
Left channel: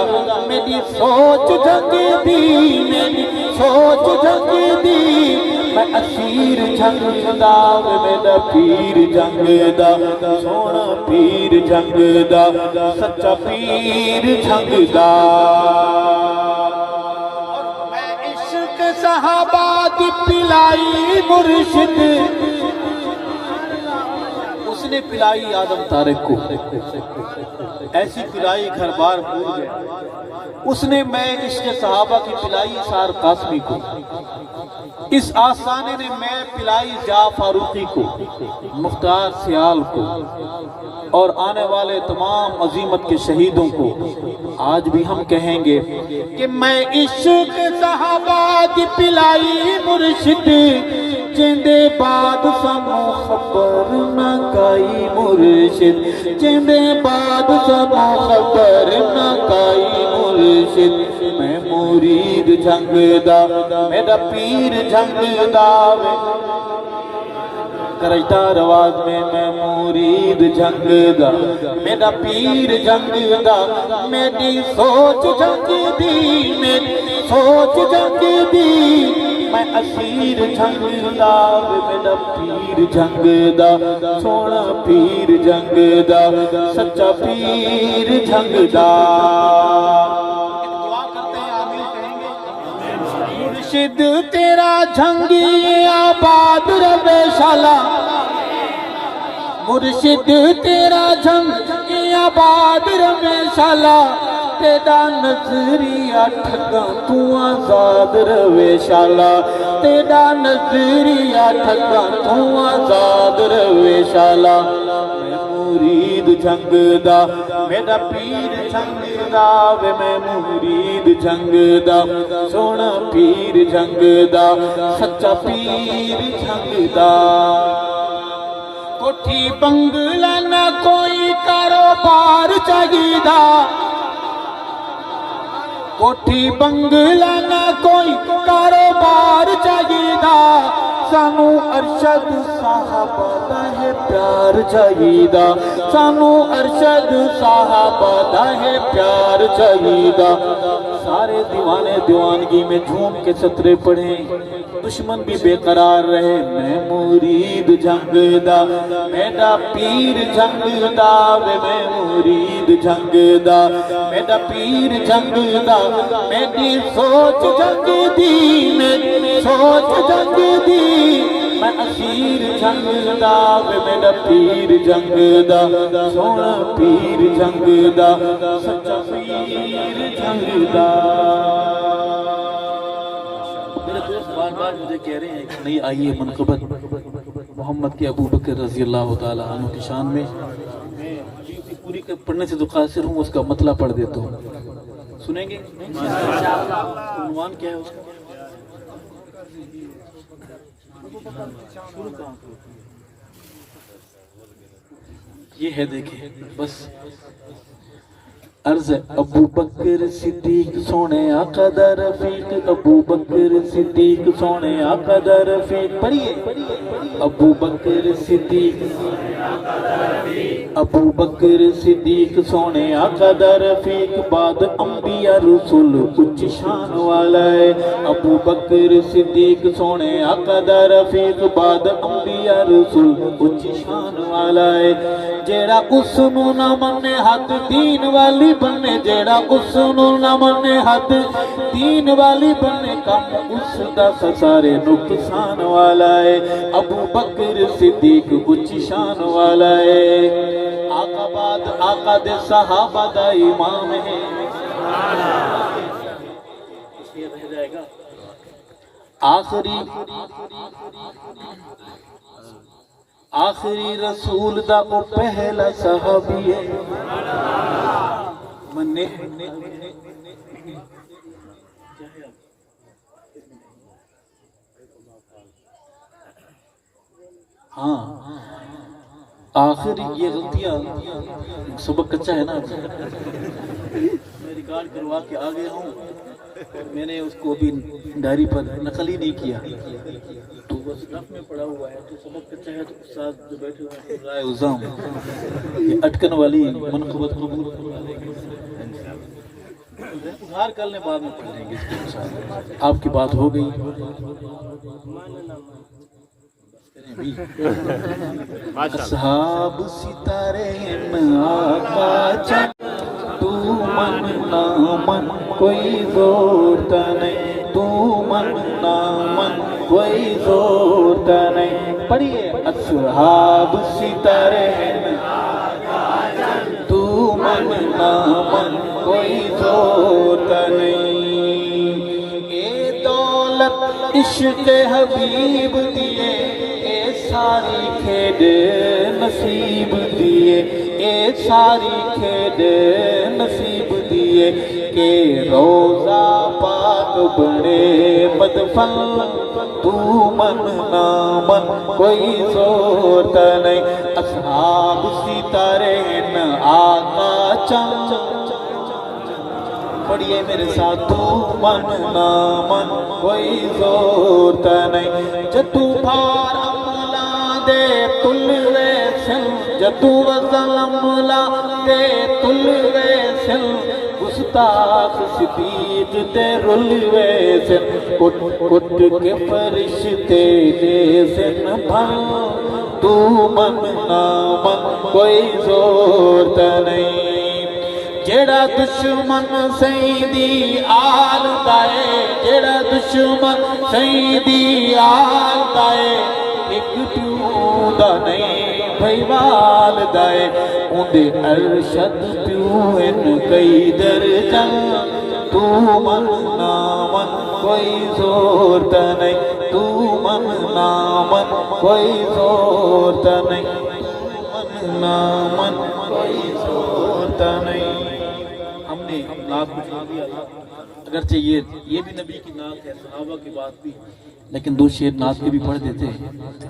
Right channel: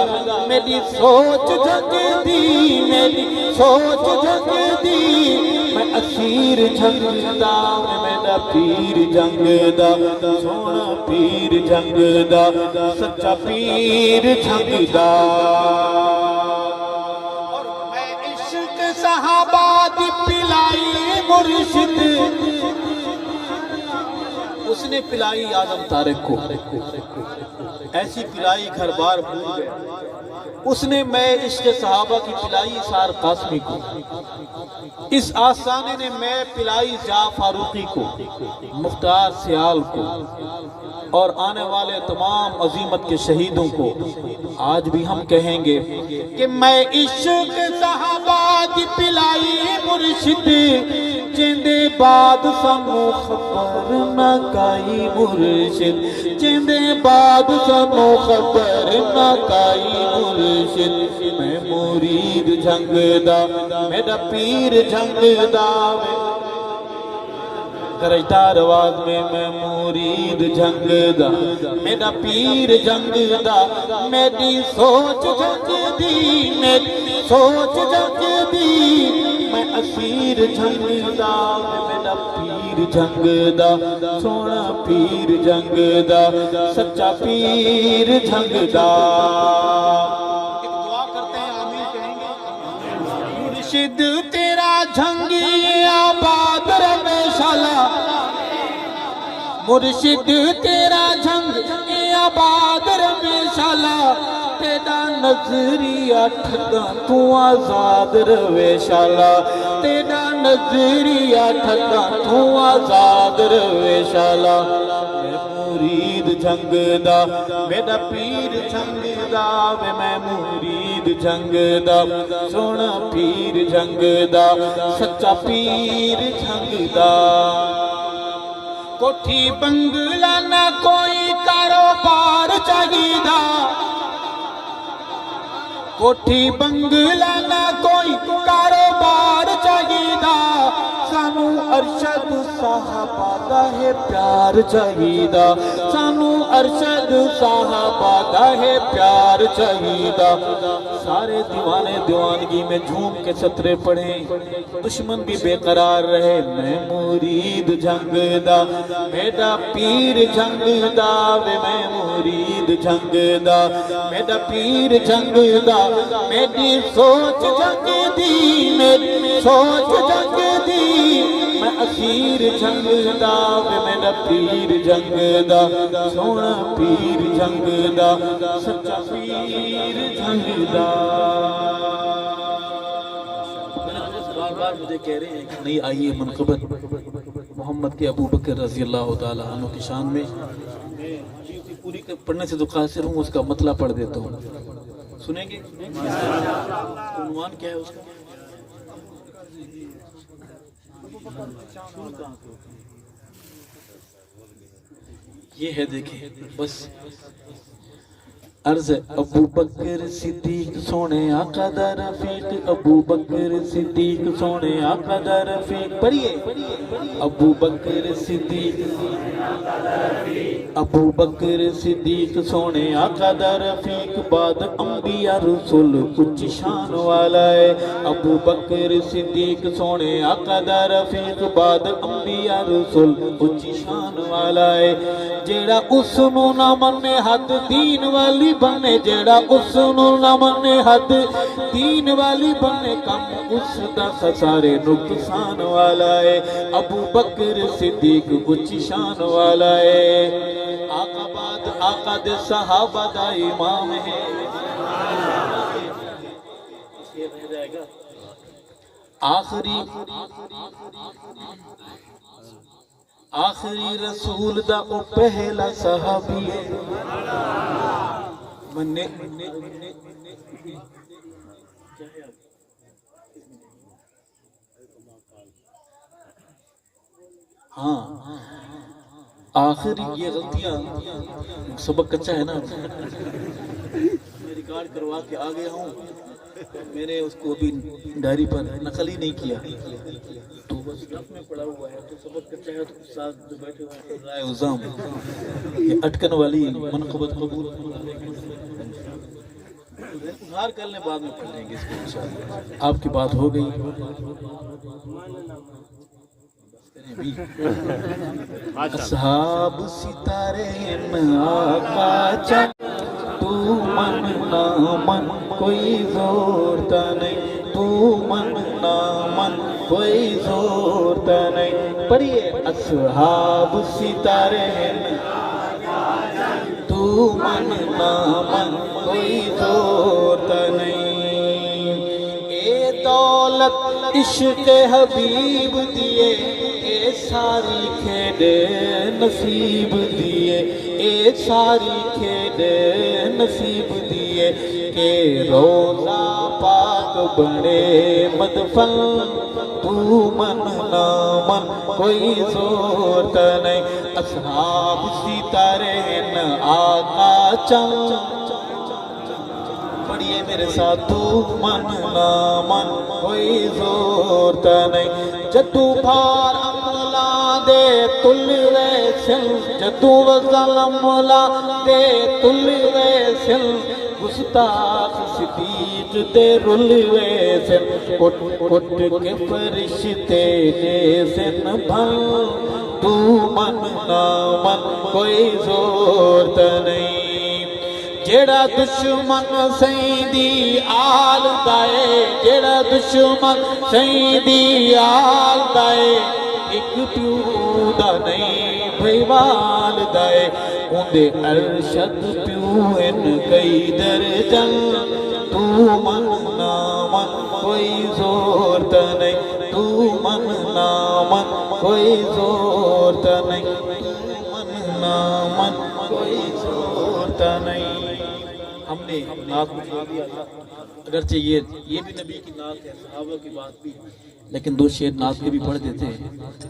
میری سوچ جھنگدی میری سوچ جھنگدی میں اسیر جھنگدا وے میرا پیر جھنگدا سونا پیر جھنگدا سچا پیر جھنگدا. اور میں عشق صحابہ کی پلائی مرشد اس نے پلائی آدم طارق کو، ایسی پلائی گھر بار پور گیا. اس نے میں عشق صحابہ کی پلائی سار قاسمی کو، اس آستانے نے میں پلائی جا فاروقی کو، مختار سیال کو، اور آنے والے تمام عظیمت کے شہیدوں کو. آج بھی ہم کہیں گے کہ میں عشق صحابہ کی پلائی مرشد جندے بعد سانو خبر نہ کائی مرشد جندے بعد سانو خبر نہ کائی مرشد. میں مرید جھنگدا میرا پیر جھنگدا کرجدار آواز میں مرید جھنگدا میرا پیر جھنگدا میری سوچ جھنگدی میری سوچ جھنگدی میں اسیر جھنگدا میرا پیر جھنگدا سونا پیر جھنگدا سچا پیر جھنگدا. ایک دعا کرتے ہیں آمین کہیں گے. مرشد تیرا جھنگی آباد رہے شالا مرشد تیرا جھنگی آباد رہے شالا تیرا نظریہ ٹھگا تو آزاد رہے شالا تیرا نظریہ ٹھگا تو آزاد رہے شالا. میں مرید جھنگدا میرا پیر جھنگدا وے میں مرید جھنگدا سونا پیر جھنگدا سچا پیر جھنگدا. کوٹھی بنگلہ نہ کوئی کاروبار چاہیدا کوٹھی بنگلہ نہ کوئی کاروبار چاہیدا سانو ارشد صحابہ دا ہے پیار چاہیدا سانو ارشد صحابہ دا ہے پیار چاہیدا. سارے دیوانے دیوانگی میں جھوم کے سطرے پڑھیں دشمن بھی بے قرار رہے. میں مرید جھنگدا میرا پیر جھنگدا وے میں مرید جھنگدا میرا پیر جھنگدا میری سوچ جھنگدی میری سوچ جھنگدی میں اسیر جھنگدا وے میرا پیر جھنگدا سونا پیر جھنگدا سچا پیر جھنگدا. میرے دوست بار بار مجھے کہہ رہے ہیں کہ نہیں آئیے منقبت محمد کے ابو بکر رضی اللہ تعالیٰ عنہ کی شان میں. میں پوری پڑھنے سے تو قاصر ہوں اس کا مطلب پڑھ دیتا ہوں. سنیں گے عنوان کیا ہے اس کا؟ یہ ہے دیکھیں بس عرض ابو بکر صدیق سونے آقا دا رفیق ابو بکر صدیق سونے آقا دا رفیق پڑھیے ابو بکر صدیق سونے آقا دا رفیق بعد انبیاء رسول اچ شان والا ہے ابو بکر صدیق سونے آقا دا رفیق بعد انبیاء رسول اچ شان والا ہے جیڑا اس نو نہ منے حد دین والی بنے جیڑا اس نو نہ منے حد دین والی بنے کم اس دا سارے نقصان والا ہے ابو بکر صدیق اچ شان والا ہے آقا بعد آقا دے صحابہ دا امام ہے یہ رہ جائے گا آخری رسول دا او پہلا صحابی ہے منے ہاں آخری یہ غلطیاں سبق کچا ہے نا میں ریکارڈ کروا کے آ گیا ہوں میں نے اس کو بھی ڈائری پر نقل ہی نہیں کیا تو بس رف میں پڑا ہوا ہے تو سبق کچا ہے تو استاد جو بیٹھے ہوئے ہیں رائے عظام یہ اٹکن والی منقبت قبول کروا لیں گے اظہار کر لیں بعد میں پڑھ لیں گے اس کو آپ کی بات ہو گئی اصحاب ستارے آقا چاہ تو من نہ من کوئی زورتا نہیں تو من نہ من کوئی زورتا نہیں پڑھیے اصحاب ستارے تو من نہ من کوئی زورتا نہیں اے دولت عشق حبیب دیے ساری کھیڈ نصیب دیے اے ساری کھیڈ نصیب دیے کہ روزہ پاک بڑے مدفن تو من نہ من کوئی زورت نہیں اصحاب ستارے ہیں آقا چند پڑھیے میرے ساتھ تو من نہ من کوئی زورت نہیں جتو بھار دے تل ویسن جدو وظلم لا دے تل ویسن گستاخ صدیق دے رل ویسن کٹ کٹ کے فرشتے دے سن بھن تو من نہ من کوئی زورت نہیں جیڑا دشمن سیدی آل دائے جیڑا دشمن سیدی آل دائے ایک پیو دا نہیں بھئی والدائے اندے ارشد پیو ان کئی درجن تو من نہ من کوئی زورت نہیں تو من نہ من کوئی زورت نہیں من نہ من کوئی زورت نہیں ہم نے نعت میں چھوڑ دیا تھا اگرچہ یہ بھی نبی کی نعت ہے صحابہ کی بات بھی لیکن دو شعر نعت کے بھی پڑھ دیتے ہیں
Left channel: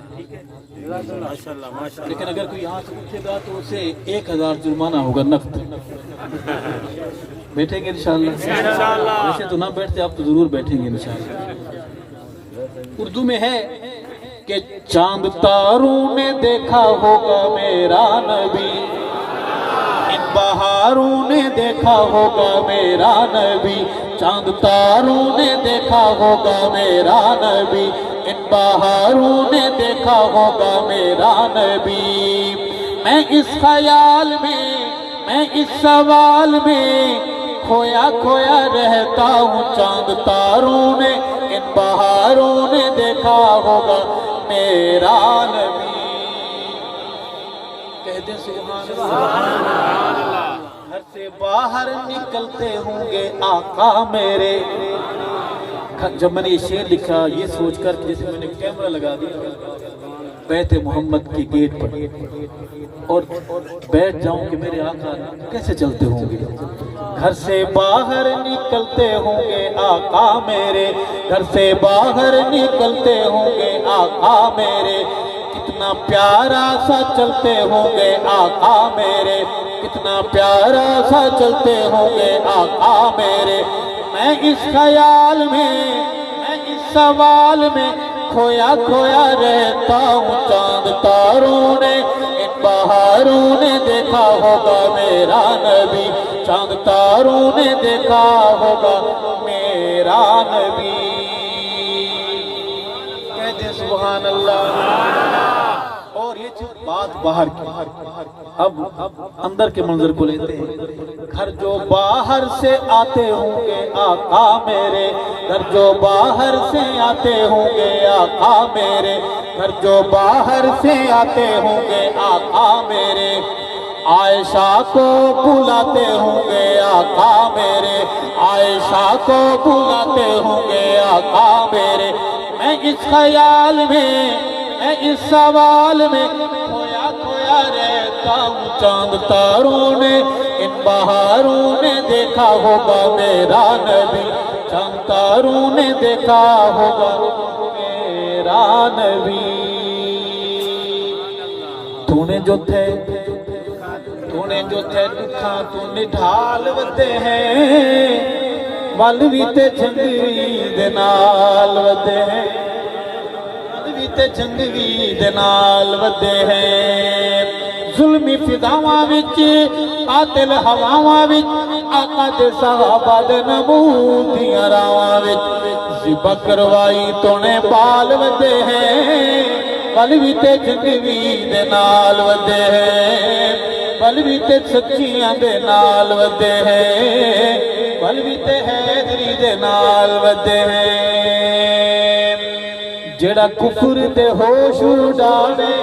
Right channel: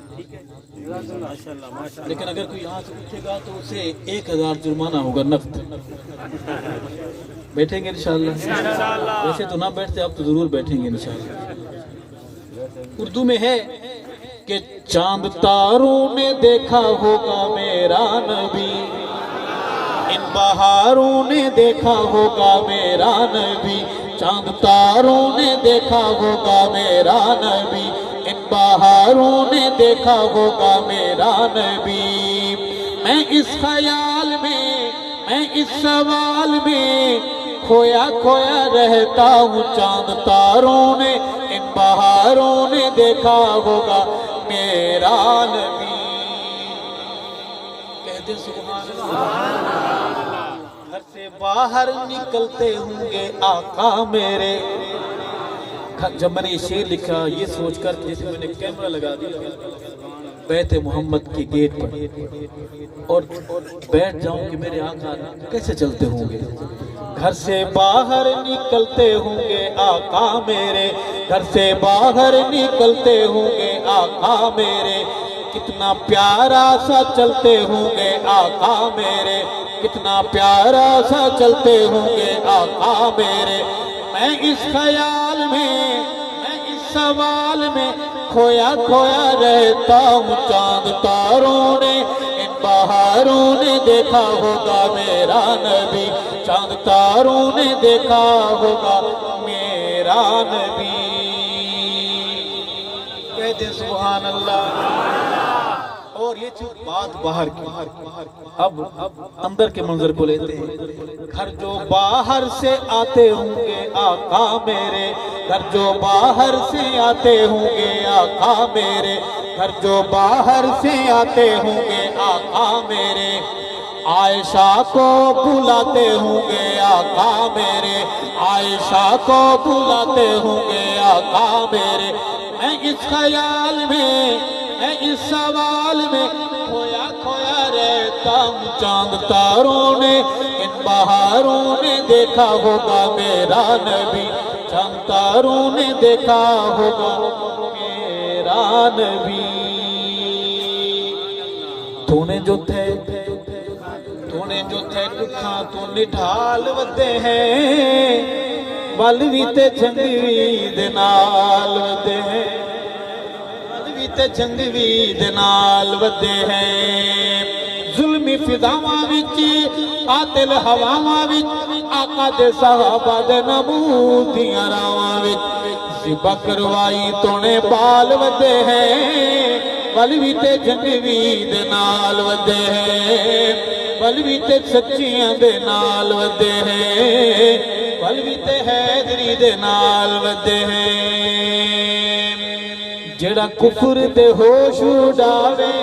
ٹھیک ہے لیکن اگر کوئی یہاں سے پوچھے گا تو اسے 1000 جرمانہ ہوگا نقد بیٹھیں گے انشاءاللہ ویسے تو نہ بیٹھتے آپ تو ضرور بیٹھیں گے انشاءاللہ اردو میں ہے کہ چاند تاروں نے دیکھا ہوگا میرا نبی ان بہاروں نے دیکھا ہوگا میرا نبی چاند تاروں نے دیکھا ہوگا میرا نبی ان بہاروں نے دیکھا ہوگا میرا نبی میں اس خیال میں میں اس سوال میں کھویا کھویا رہتا ہوں چاند تاروں نے ان بہاروں نے دیکھا ہوگا میرا نبی کہہ دیں سبحان اللہ گھر سے باہر نکلتے ہوں گے آقا میرے جب میں نے یہ شعر لکھا یہ سوچ کر کہ جیسے میں نے کیمرہ لگا دیا بیت محمد کی گیٹ پر اور بیٹھ جاؤں کہ میرے آقا کیسے چلتے ہوں گے گھر سے باہر نکلتے ہوں گے آقا میرے گھر سے باہر نکلتے ہوں گے آقا میرے کتنا پیارا سا چلتے ہوں گے آقا میرے کتنا پیارا سا چلتے ہوں گے آقا میرے، میں اس خیال میں، میں اس سوال میں کھویا کھویا رہتا ہوں۔ چاند تاروں نے، ان بہاروں نے دیکھا ہوگا میرا نبی، چاند تاروں نے دیکھا ہوگا میرا نبی۔ کہتے سبحان اللہ۔ اور یہ بات باہر کی، اب اندر کے منظر کو لیتے ہیں۔ گھر جو باہر سے آتے ہوں گے آقا میرے، گھر جو باہر سے آتے ہوں گے آقا میرے، گھر جو باہر سے آتے ہوں گے آقا میرے، عائشہ کو بلاتے ہوں گے آقا میرے، عائشہ کو بلاتے ہوں گے آقا میرے۔ میں اس خیال میں، میں اس سوال میں کھویا کھویا رہتا ہوں۔ چاند تاروں نے، ان بہاروں نے دیکھا ہوگا میرا نبی، چاند تاروں نے دیکھا ہوگا میرا نبی۔ تو نے جو تھے دکھا تو نڈھال ودے ہیں، ول بھی تے چنگوی دے نال ودے ہیں، ول بھی تے چنگوی دے نال ودے ہیں۔ ظلمی فضاواں وچ، قاتل ہواواں وچ، آقا دے صحابہ دے نمود دیاں راواں وچ ذبح کروائی تو نے بال ودے ہیں، ول بھی تے چنگوی دے نال ودے ہیں، ول بھی تے سچیاں دے نال ودے ہیں، ول بھی تے حیدری دے نال ودے ہیں۔ جڑا کفر دے ہوش اڈاوے،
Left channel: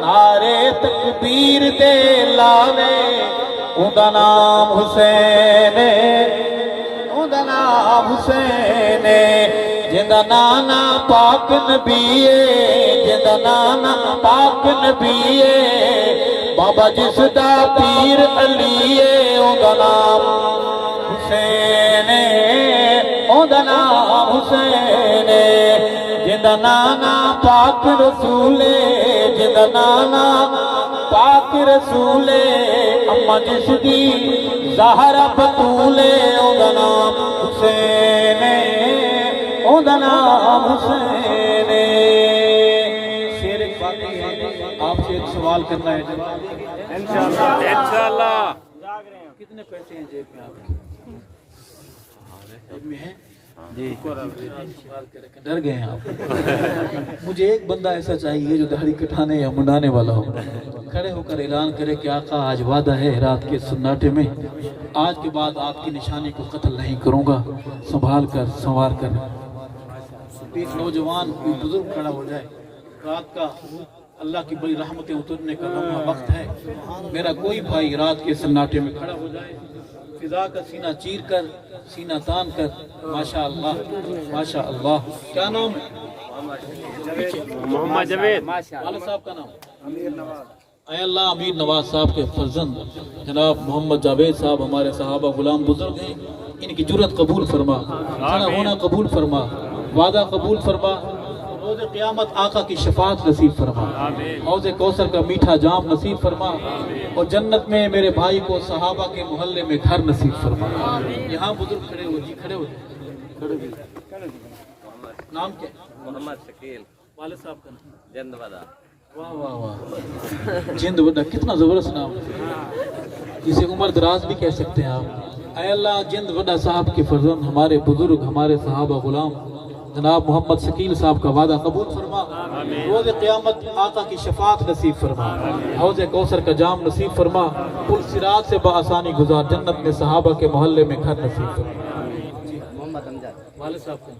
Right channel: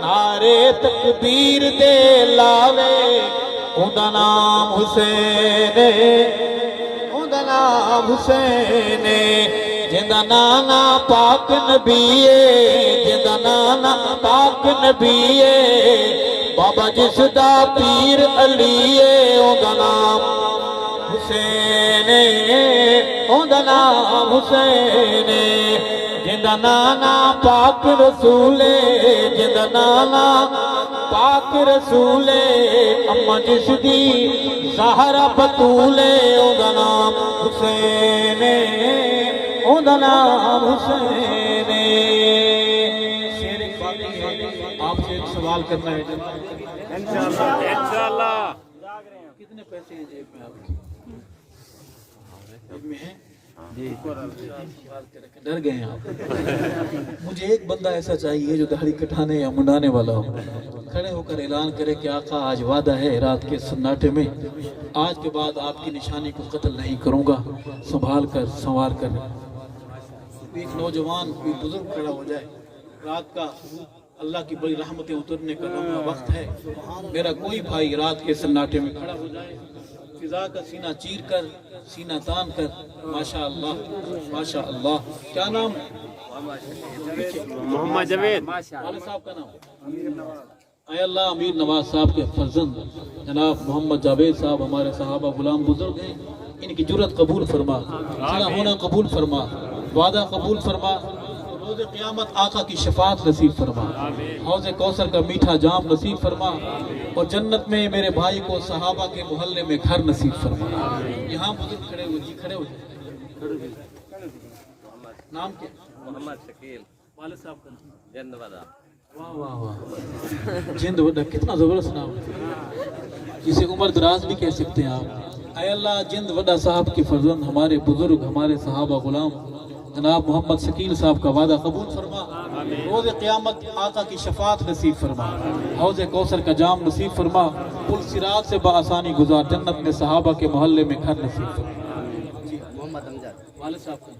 نعرے تکبیر دے لاوے، اوندا نام حسین، اوندا نام حسین، جندا نانا پاک نبی ہے، جندا نانا پاک نبی ہے، بابا جس دا پیر علی ہے، اوندا نام حسین، اوندا نام حسین، جندا نانا پاک رسول، جندا نانا پاک رسول، اما جس دی زہرا بطول، اوندا نام حسین، اوندا نام حسین۔ شیر باقی ہے، آپ سے ایک سوال کرنا ہے، جواب دیں گے انشاءاللہ۔ کتنے پیسے ہیں جیب میں آپ کے؟ جیب میں ہیں؟ جی سوال کر کے ڈر گئے ہیں آپ۔ مجھے ایک بندہ ایسا چاہیے جو داڑھی کٹانے یا منڈانے والا ہو، کھڑے ہو کر اعلان کرے کہ آقا آج وعدہ ہے رات کے سناٹے میں، آج کے بعد آپ کی نشانی کو قتل نہیں کروں گا، سنبھال کر سنوار کر۔ ایک نوجوان کوئی بزرگ کھڑا ہو جائے، رات کا اللہ کی بڑی رحمتیں اترنے کا لمحہ وقت ہے، میرا کوئی بھائی رات کے سناٹے میں کھڑا ہو جائے، فضا کا سینہ چیر کر، سینہ تان کر، ماشاءاللہ ماشاءاللہ۔ کیا نام ہے؟ محمد جاوید والد صاحب کا نام؟ اے اللہ، امیر نواز صاحب کے فرزند جناب محمد جاوید صاحب ہمارے صحابہ غلام بزرگ ہیں، ان کی جرت قبول فرما، کھڑا ہونا قبول فرما، وعدہ قبول فرما، روز قیامت آقا کی شفاعت نصیب فرما، حوض کوثر کا میٹھا جام نصیب فرما، اور جنت میں میرے بھائی کو صحابہ کے محلے میں گھر نصیب فرما۔ یہاں بزرگ کھڑے ہوئے جی، کھڑے ہوئے، نام کیا؟ محمد شکیل والد صاحب کا نام؟ جند ودا۔ واہ واہ واہ، جند ودا، کتنا زبردست نام، جسے عمر دراز بھی کہہ سکتے ہیں آپ۔ اے اللہ، جند ودا صاحب کے فرزند ہمارے بزرگ، ہمارے صحابہ غلام جناب محمد شکیل صاحب کا وعدہ قبول فرما، روز قیامت آقا کی شفاعت نصیب فرما، حوض کوثر کا جام نصیب فرما، پل صراط سے بآسانی گزار، جنت میں صحابہ کے محلے میں گھر نصیب فرما۔ والد صاحب کا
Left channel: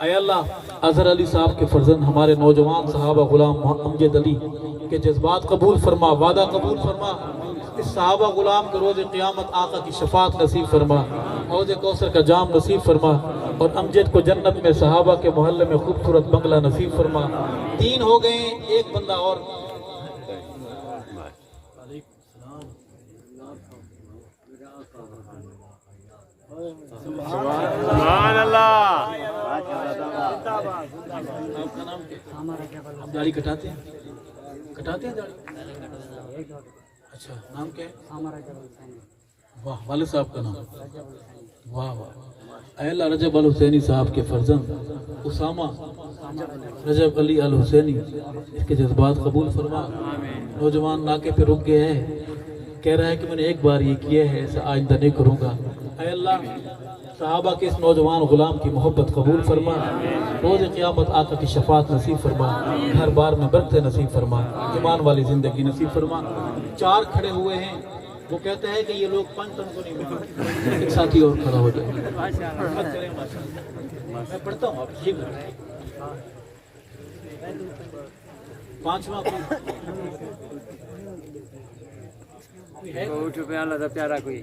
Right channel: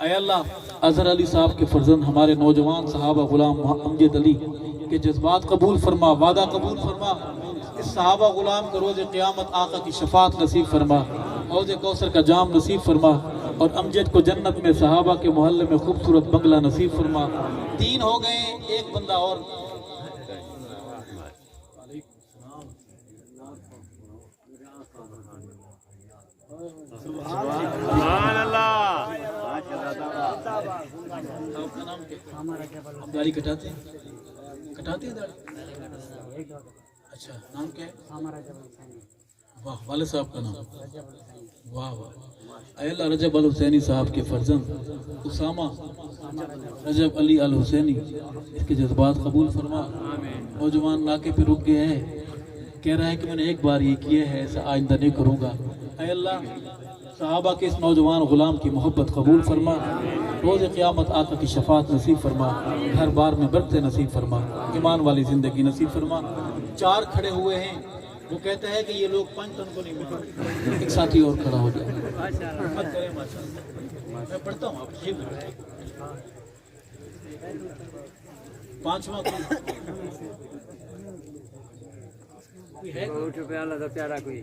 اے اللہ، اظہر علی صاحب کے فرزند ہمارے نوجوان صحابہ غلام امجد علی کے جذبات قبول فرما، وعدہ قبول فرما، اس صحابہ غلام کو روز قیامت آقا کی شفاعت نصیب فرما، حوض کوثر کا جام نصیب فرما، اور امجد کو جنت میں صحابہ کے محلے میں خوبصورت بنگلہ نصیب فرما۔ 3 ہو گئے، ایک بندہ اور۔ سبحان اللہ۔ آپ کا نام کیا؟ آپ داڑھی کٹاتے ہیں؟ کٹاتے ہیں داڑھی؟ اچھا نام کیا ہے؟ ہمارا جب حسینی واہ والد صاحب کا نام رجب الحسینی واہ واہ اے اللہ رجب الحسینی صاحب کے فرزند اسامہ رجب علی الحسینی اس کے جذبات قبول فرما. نوجوان ناکے پہ رک گیا ہے, کہہ رہا ہے کہ میں نے ایک بار یہ کیا ہے, ایسا آئندہ نہیں کروں گا. اے اللہ صحابہ کے اس نوجوان غلام کی محبت قبول فرما, روز قیامت آقا کی شفاعت نصیب فرما, گھر بار میں برکت نصیب فرما, ایمان والی زندگی نصیب فرما. 4 کھڑے ہوئے ہیں, وہ کہتے ہیں کہ یہ لوگ 5 تن کو نہیں ملتے. ایک ساتھی اور کھڑا ہو جائے, میں پڑھتا ہوں, آپ ٹھیک ہے. 5واں پیارا کوئی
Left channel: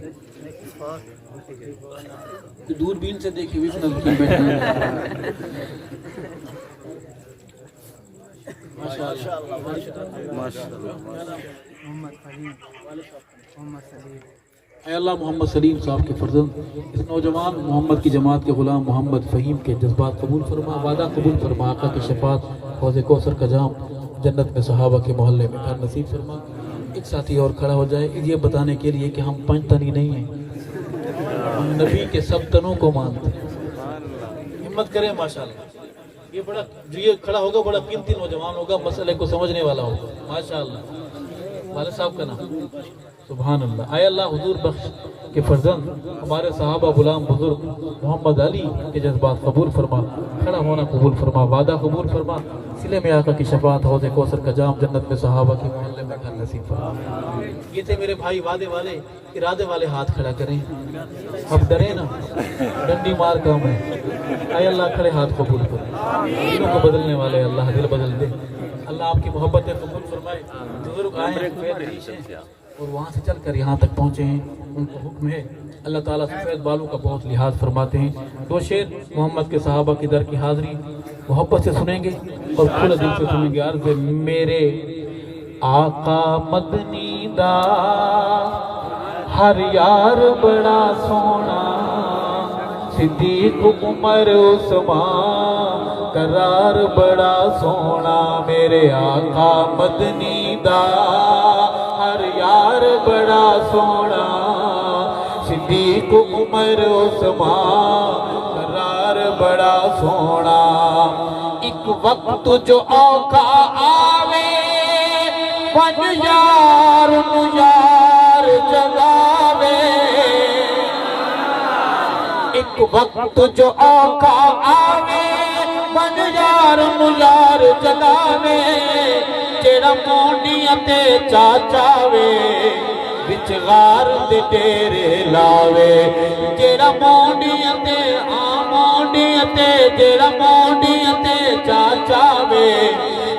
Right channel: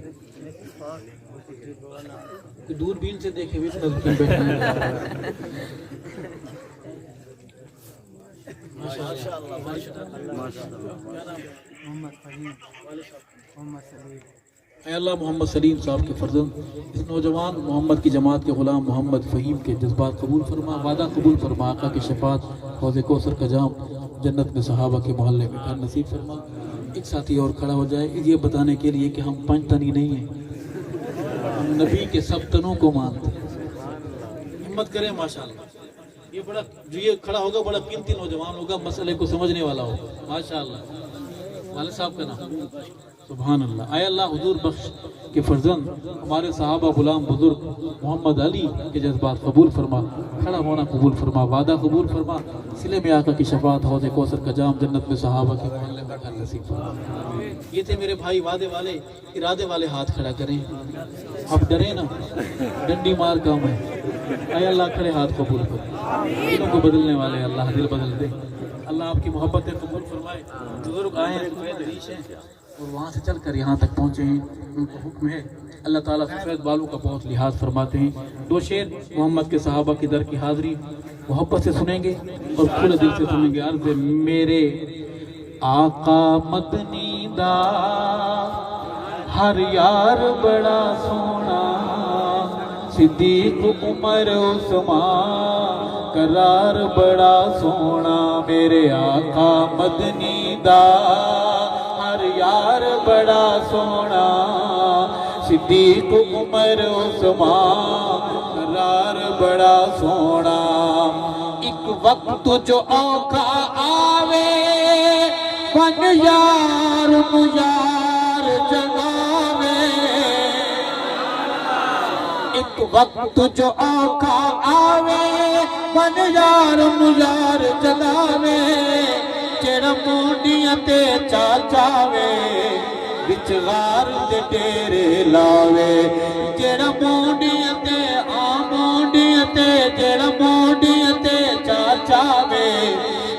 دوربین سے دیکھی ہوئی محمد فہیم محمد سلیم. اے اللہ محمد سلیم صاحب کے فرزند اس نوجوان محمد کی جماعت کے غلام محمد فہیم کے جذبات قبول فرما, وعدہ قبول فرما, آقا کی شفاعت حوض کوثر کا جام جنت میں صحابہ کے محلے میں گھر نصیب فرما. ایک ساتھی اور کھڑا ہو جائے یہ بتانے کے لیے کہ ہم 5 تنی نہیں ہیں, ہم نبی کے سب تنوں کو مانتے ہیں. ہمت کریں ماشاءاللہ. یہ بڑا جو یہ کھڑا ہوگا بڑا قیمتی نوجوان ہوگا, مسئلے کو سمجھنے والا ہوگا ماشاءاللہ. والد صاحب کا نام سبحان اللہ. اے اللہ حضور بخش کے فرزند ہمارے صحابہ غلام بزرگ محمد علی کے جذبات قبول فرما, کھڑا ہونا قبول فرما, وعدہ قبول فرما, سلے میں آقا کی شفاعت حوض کوثر کا جام جنت میں صحابہ کے محلے میں گھر نصیب فرما. یہ تھے میرے بھائی وعدے والے, ارادے والے ہاتھ کھڑا کریں. اب ڈرے نا, ڈنڈی مار کام ہے. اے اللہ کھڑے ہاتھ قبول کر, دلوں کو بدلنے والے اللہ دل بدل دے. اللہ آپ کی محبتیں قبول فرمائے. بزرگ آئے ہیں اور وہاں سے چل کر یہاں تک پہنچے ہیں, ان کو حکم ہے اللہ تعالیٰ سفید بالوں کا بہت لحاظ فرماتے ہیں. 2 شعر محمد کے صحابہ کی در کی حاضری محبت سے سنیں گے اور کھلے دل سے سنیں گے. عرض ہے میرے آقا مدنی دا ہر یار بڑا سونا, صدیق عمر عثمان قرار بڑا سونا. میرے آقا مدنی دا ہر یار بڑا سونا, صدیق عمر عثمان قرار بڑا سونا. ایک وقت جو اوکھا آوے من یار جگاوے, ایک وقت جو اوکھا آوے من یار جگاوے. جیڑا مونڈیاں تے چاچاوے وچ غار دے ڈیرے لاوے. جیڑا مونڈیاں تے جیڑا مونڈیاں تے چاچاوے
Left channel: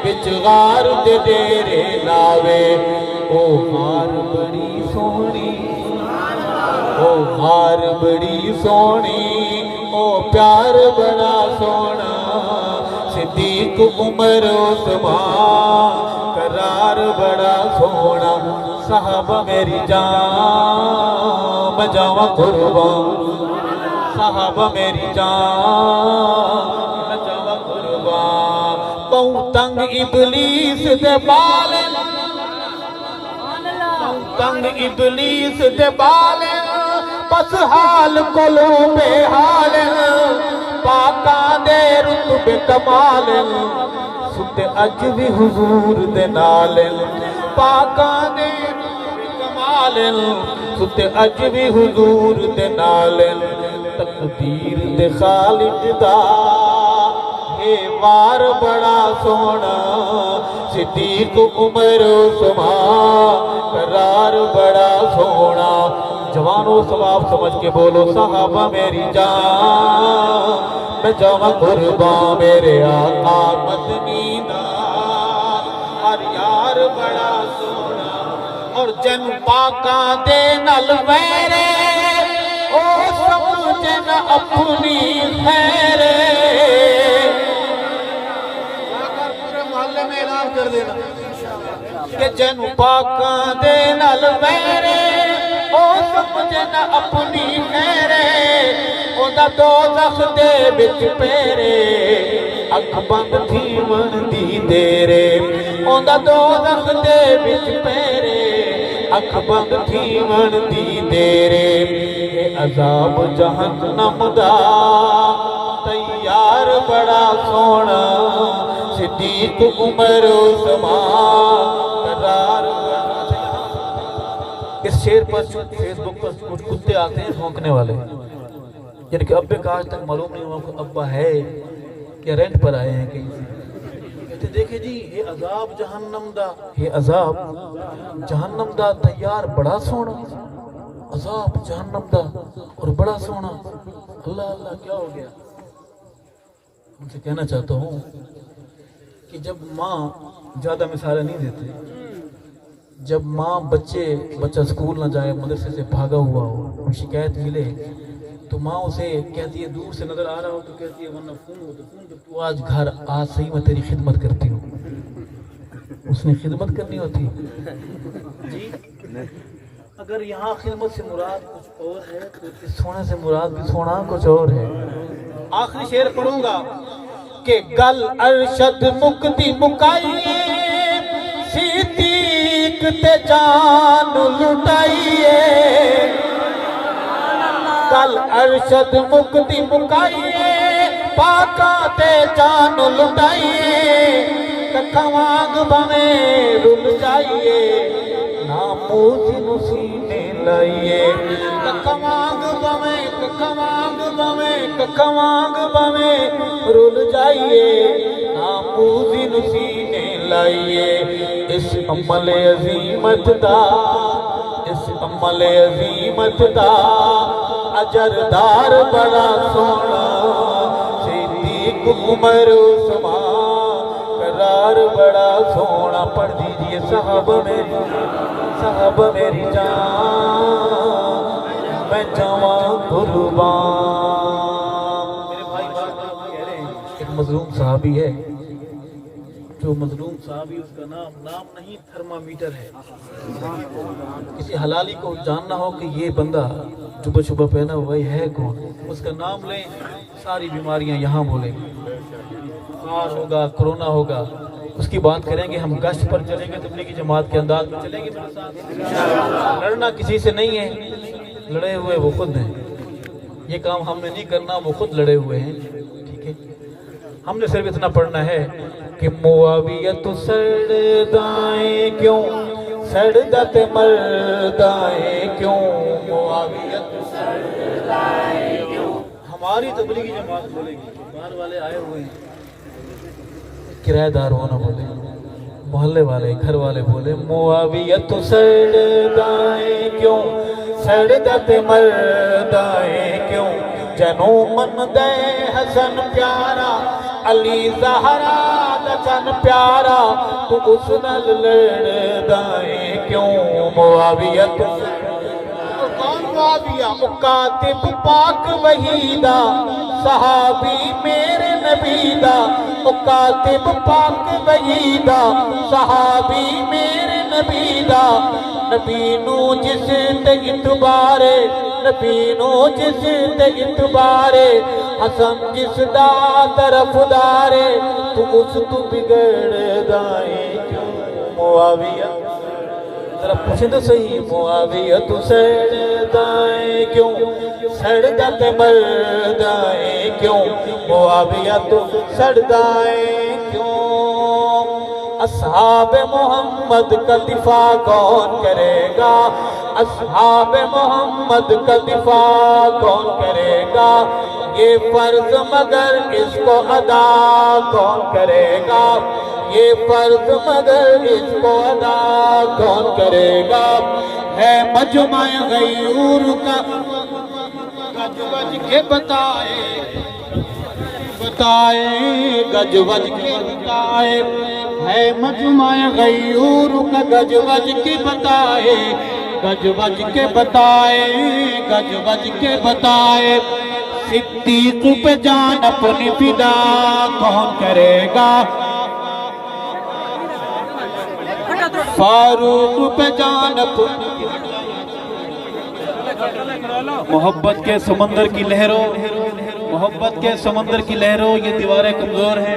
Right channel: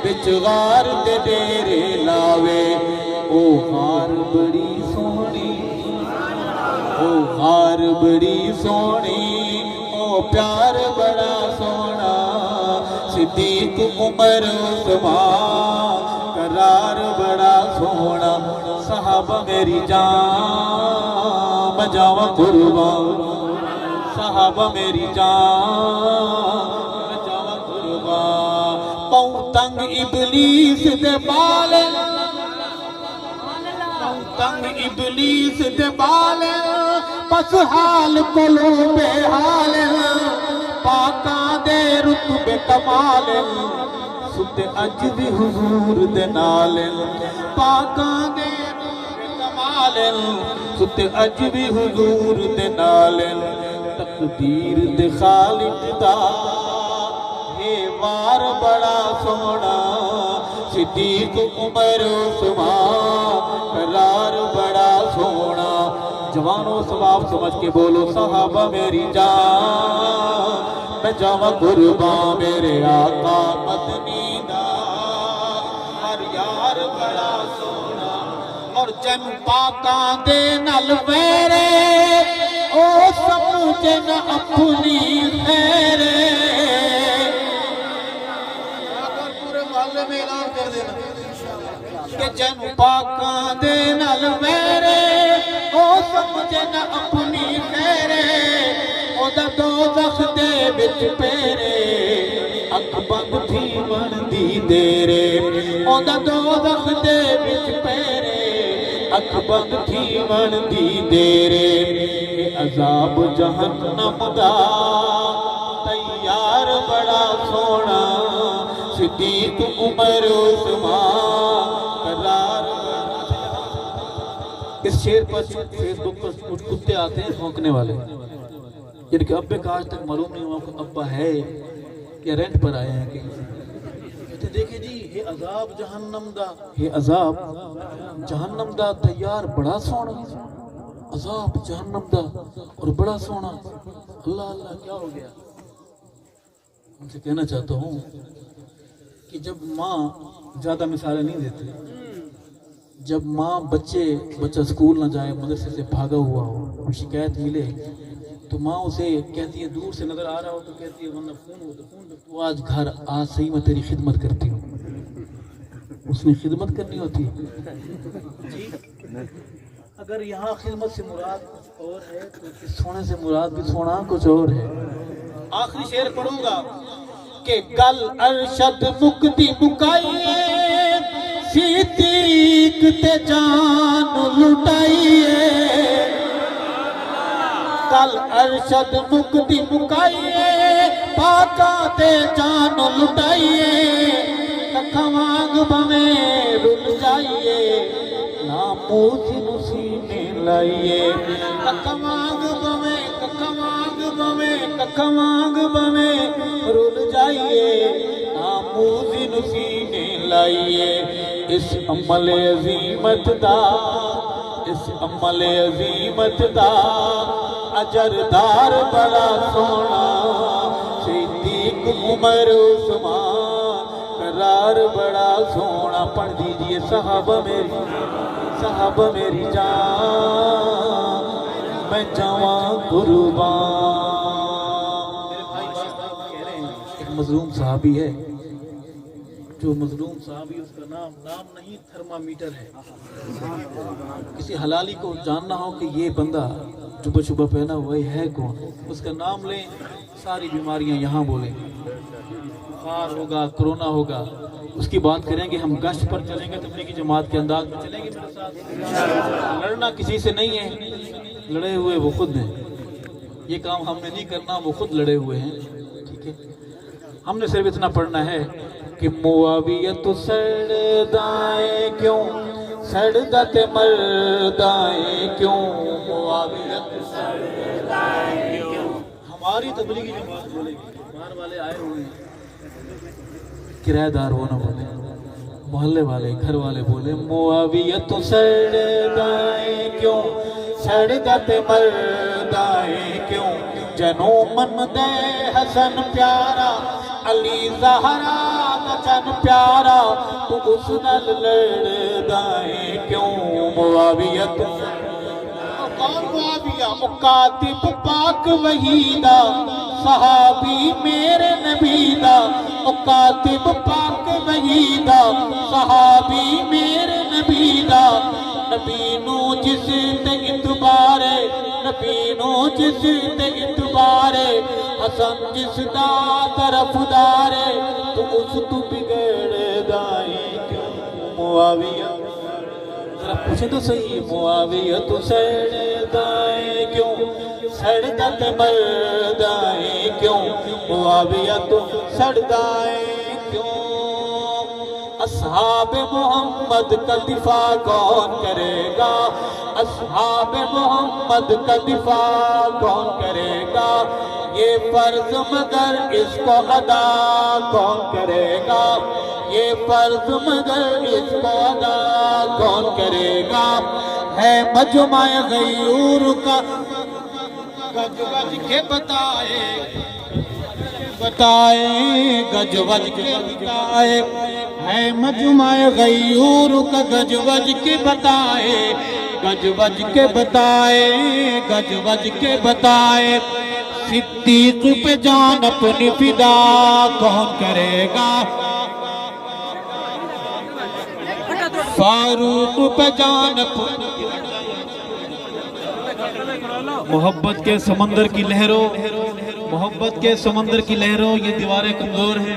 وچ غار دے ڈیرے لاوے. او غار بڑی سونی, او غار بڑی سونی, او پیار بڑا سونا, صدیق عمر عثمان قرار بڑا سونا. صاحب میری جان میں جاواں قربان, صاحب میری جان میں جاواں قربان. پاؤں تنگ ابلیس دے بال, پاؤں تنگ ابلیس دے بال, پس حال کلو بے حال, پاکاں دے رتبے کمال, ستے اج بھی حضور دے نال. پاکاں دے رتبے کمال, ستے اج بھی حضور دے نال. تقدیر دے خالق دا ہے وار بڑا سونا, صدیق عمر عثمان قرار بڑا سونا. جوانوں ثواب سمجھ کے بولو صحابہ میری جان میں جاواں قربان. میرے آقا مدنی دا ہر یار بڑا سونا, اور جن پاکاں دے نال میرے او سمجھے نہ اپنی خیر. پورے محلے میں اعلان کر دینا کہ جن پاکاں دے نال میرے او سمجھے نہ اپنی خیر. دا دوزخ دے بچ پیرے اکھ بند تھی من دی دیرے. دا دوزخ دے بچ پیرے اکھ بند تھی من دی دیرے عذاب جہنم دا تیار بڑا سونا صدیق عمر عثمان قرار اس شعر پر فیس بک پر کچھ کتے آتے ہیں بھونکنے والے یعنی کہ ابے کا آج تک معلوم نہیں ہوا کہ ابا ہے کہ رینٹ پر آئے ہیں کہیں سے کہتے دیکھیں جی یہ عذاب جہنم دا یہ عذاب جہنم دا تیار بڑا سونا عذاب جہنم دا اور بڑا سونا اللہ اللہ کیا ہو گیا ان سے کہنا چاہتا ہوں کہ جب ماں زیادہ مثالیں نہیں دیتے جب ماں بچہ سکول نہ جائے مدرسے سے بھاگا ہوا ہو کوئی شکایت ملے تو ماں اسے کہتی ہے دور سے نظر آ رہا ہو تو کہتی ہے ورنہ فون ہو تو فون پہ تو آج گھر آج صحیح میں تیری خدمت کرتی ہوں اس نے خدمت کرنی ہوتی ہے جی اگر یہاں خدمت سے مراد کچھ اور ہے تو اس سونے سے مراد بھی سونا کچھ اور ہے آخری شعر پڑھوں گا کہ گل ارشد مکتی مکائیے صدیق تے جان لٹائیے گل ارشد مکتی مکائیے پاکا تے جان لٹائیے ککھوانگ بمیں رل جائیے ناموز نسینے لائیے ککھوانگ بمیں رل جائیے ناموز نسینے لائیے اس عمل عظیمت دا اجردار بڑا سونا صدیق عمر عثمان قرار بڑا سونا پڑھ دیجئے صحابہ میری جان میں جوان قربان میرے بھائی بار بار کہہ رہے ہیں ایک مظلوم صحابی ہے جو مظلوم صحابی اس کا نام نہیں تھرمامیٹر ہے کسی حلالی کو جاننا ہو کہ یہ بندہ جبہ شبہ پہنا ہوا ہے کون اس کا نام لیں ساری بیماریاں یہاں بولیں بخار ہوگا کرونا ہوگا اس کی بات کریں گے ہم گشت پر چلیں گے تبلیغی جماعت کے انداز میں چلیں گے میرے ساتھ لڑنا کسی سے نہیں ہے لڑے ہوئے وہ خود ہیں یہ کام ہم نے نہیں کرنا وہ خود لڑے ہوئے ہیں ٹھیک ہے ہم نے صرف اتنا پڑھنا ہے کہ معاویت سڑدائیں کیوں سڑدت مردائیں کیوں معاویت سڑدائیں کیوں ہماری تبلیغی جماعت بولے گی باہر والے آئے ہوئے ہیں کرایہ دار ہو نہ بولے محلے والے گھر والے بولے معاویت سڑدائیں کیوں سڑدت مردائیں کیوں جنوں من دے حسن پیارا علی زہرا دا جن پیارا تو اس نال لڑدائیں کیوں معاویت معاویہ مکاتب پاک وحیدہ صحابی میرے نبی دا مکاتب پاک وحیدہ صحابی میرے نبی دا نبی نو جس تے اتبارے نبی نو جس تے اتبارے حسن جس دا طرف دارے تو اس تو بگڑ دائیں کیوں معاویہ ذرا پوچھیں تو صحیح معاویہ تو سڑدائیں کیوں سڑدت مردائیں کیوں معاویہ تو سڑدائیں کیوں اصحاب محمد کا دفاع کون کرے گا اصحاب محمد کا دفاع کون کرے گا یہ فرض مگر اس کو ادا کون کرے گا یہ فرض مگر اس کو ادا کون کرے گا ہے مجمع غیور کا گج وج کے بتائے گج وج کے بتائے ہے مجمع غیور کا گج وج کے بتائے گج وج کے بتائے گج وج کے بتائے صدیق پہ جان اپنی فدا کون کرے گا فاروق پہ جان اپنی محبت کے سمندر کی لہروں محبت کے سمندر کی لہروں یہ دیواریں کمزور ہیں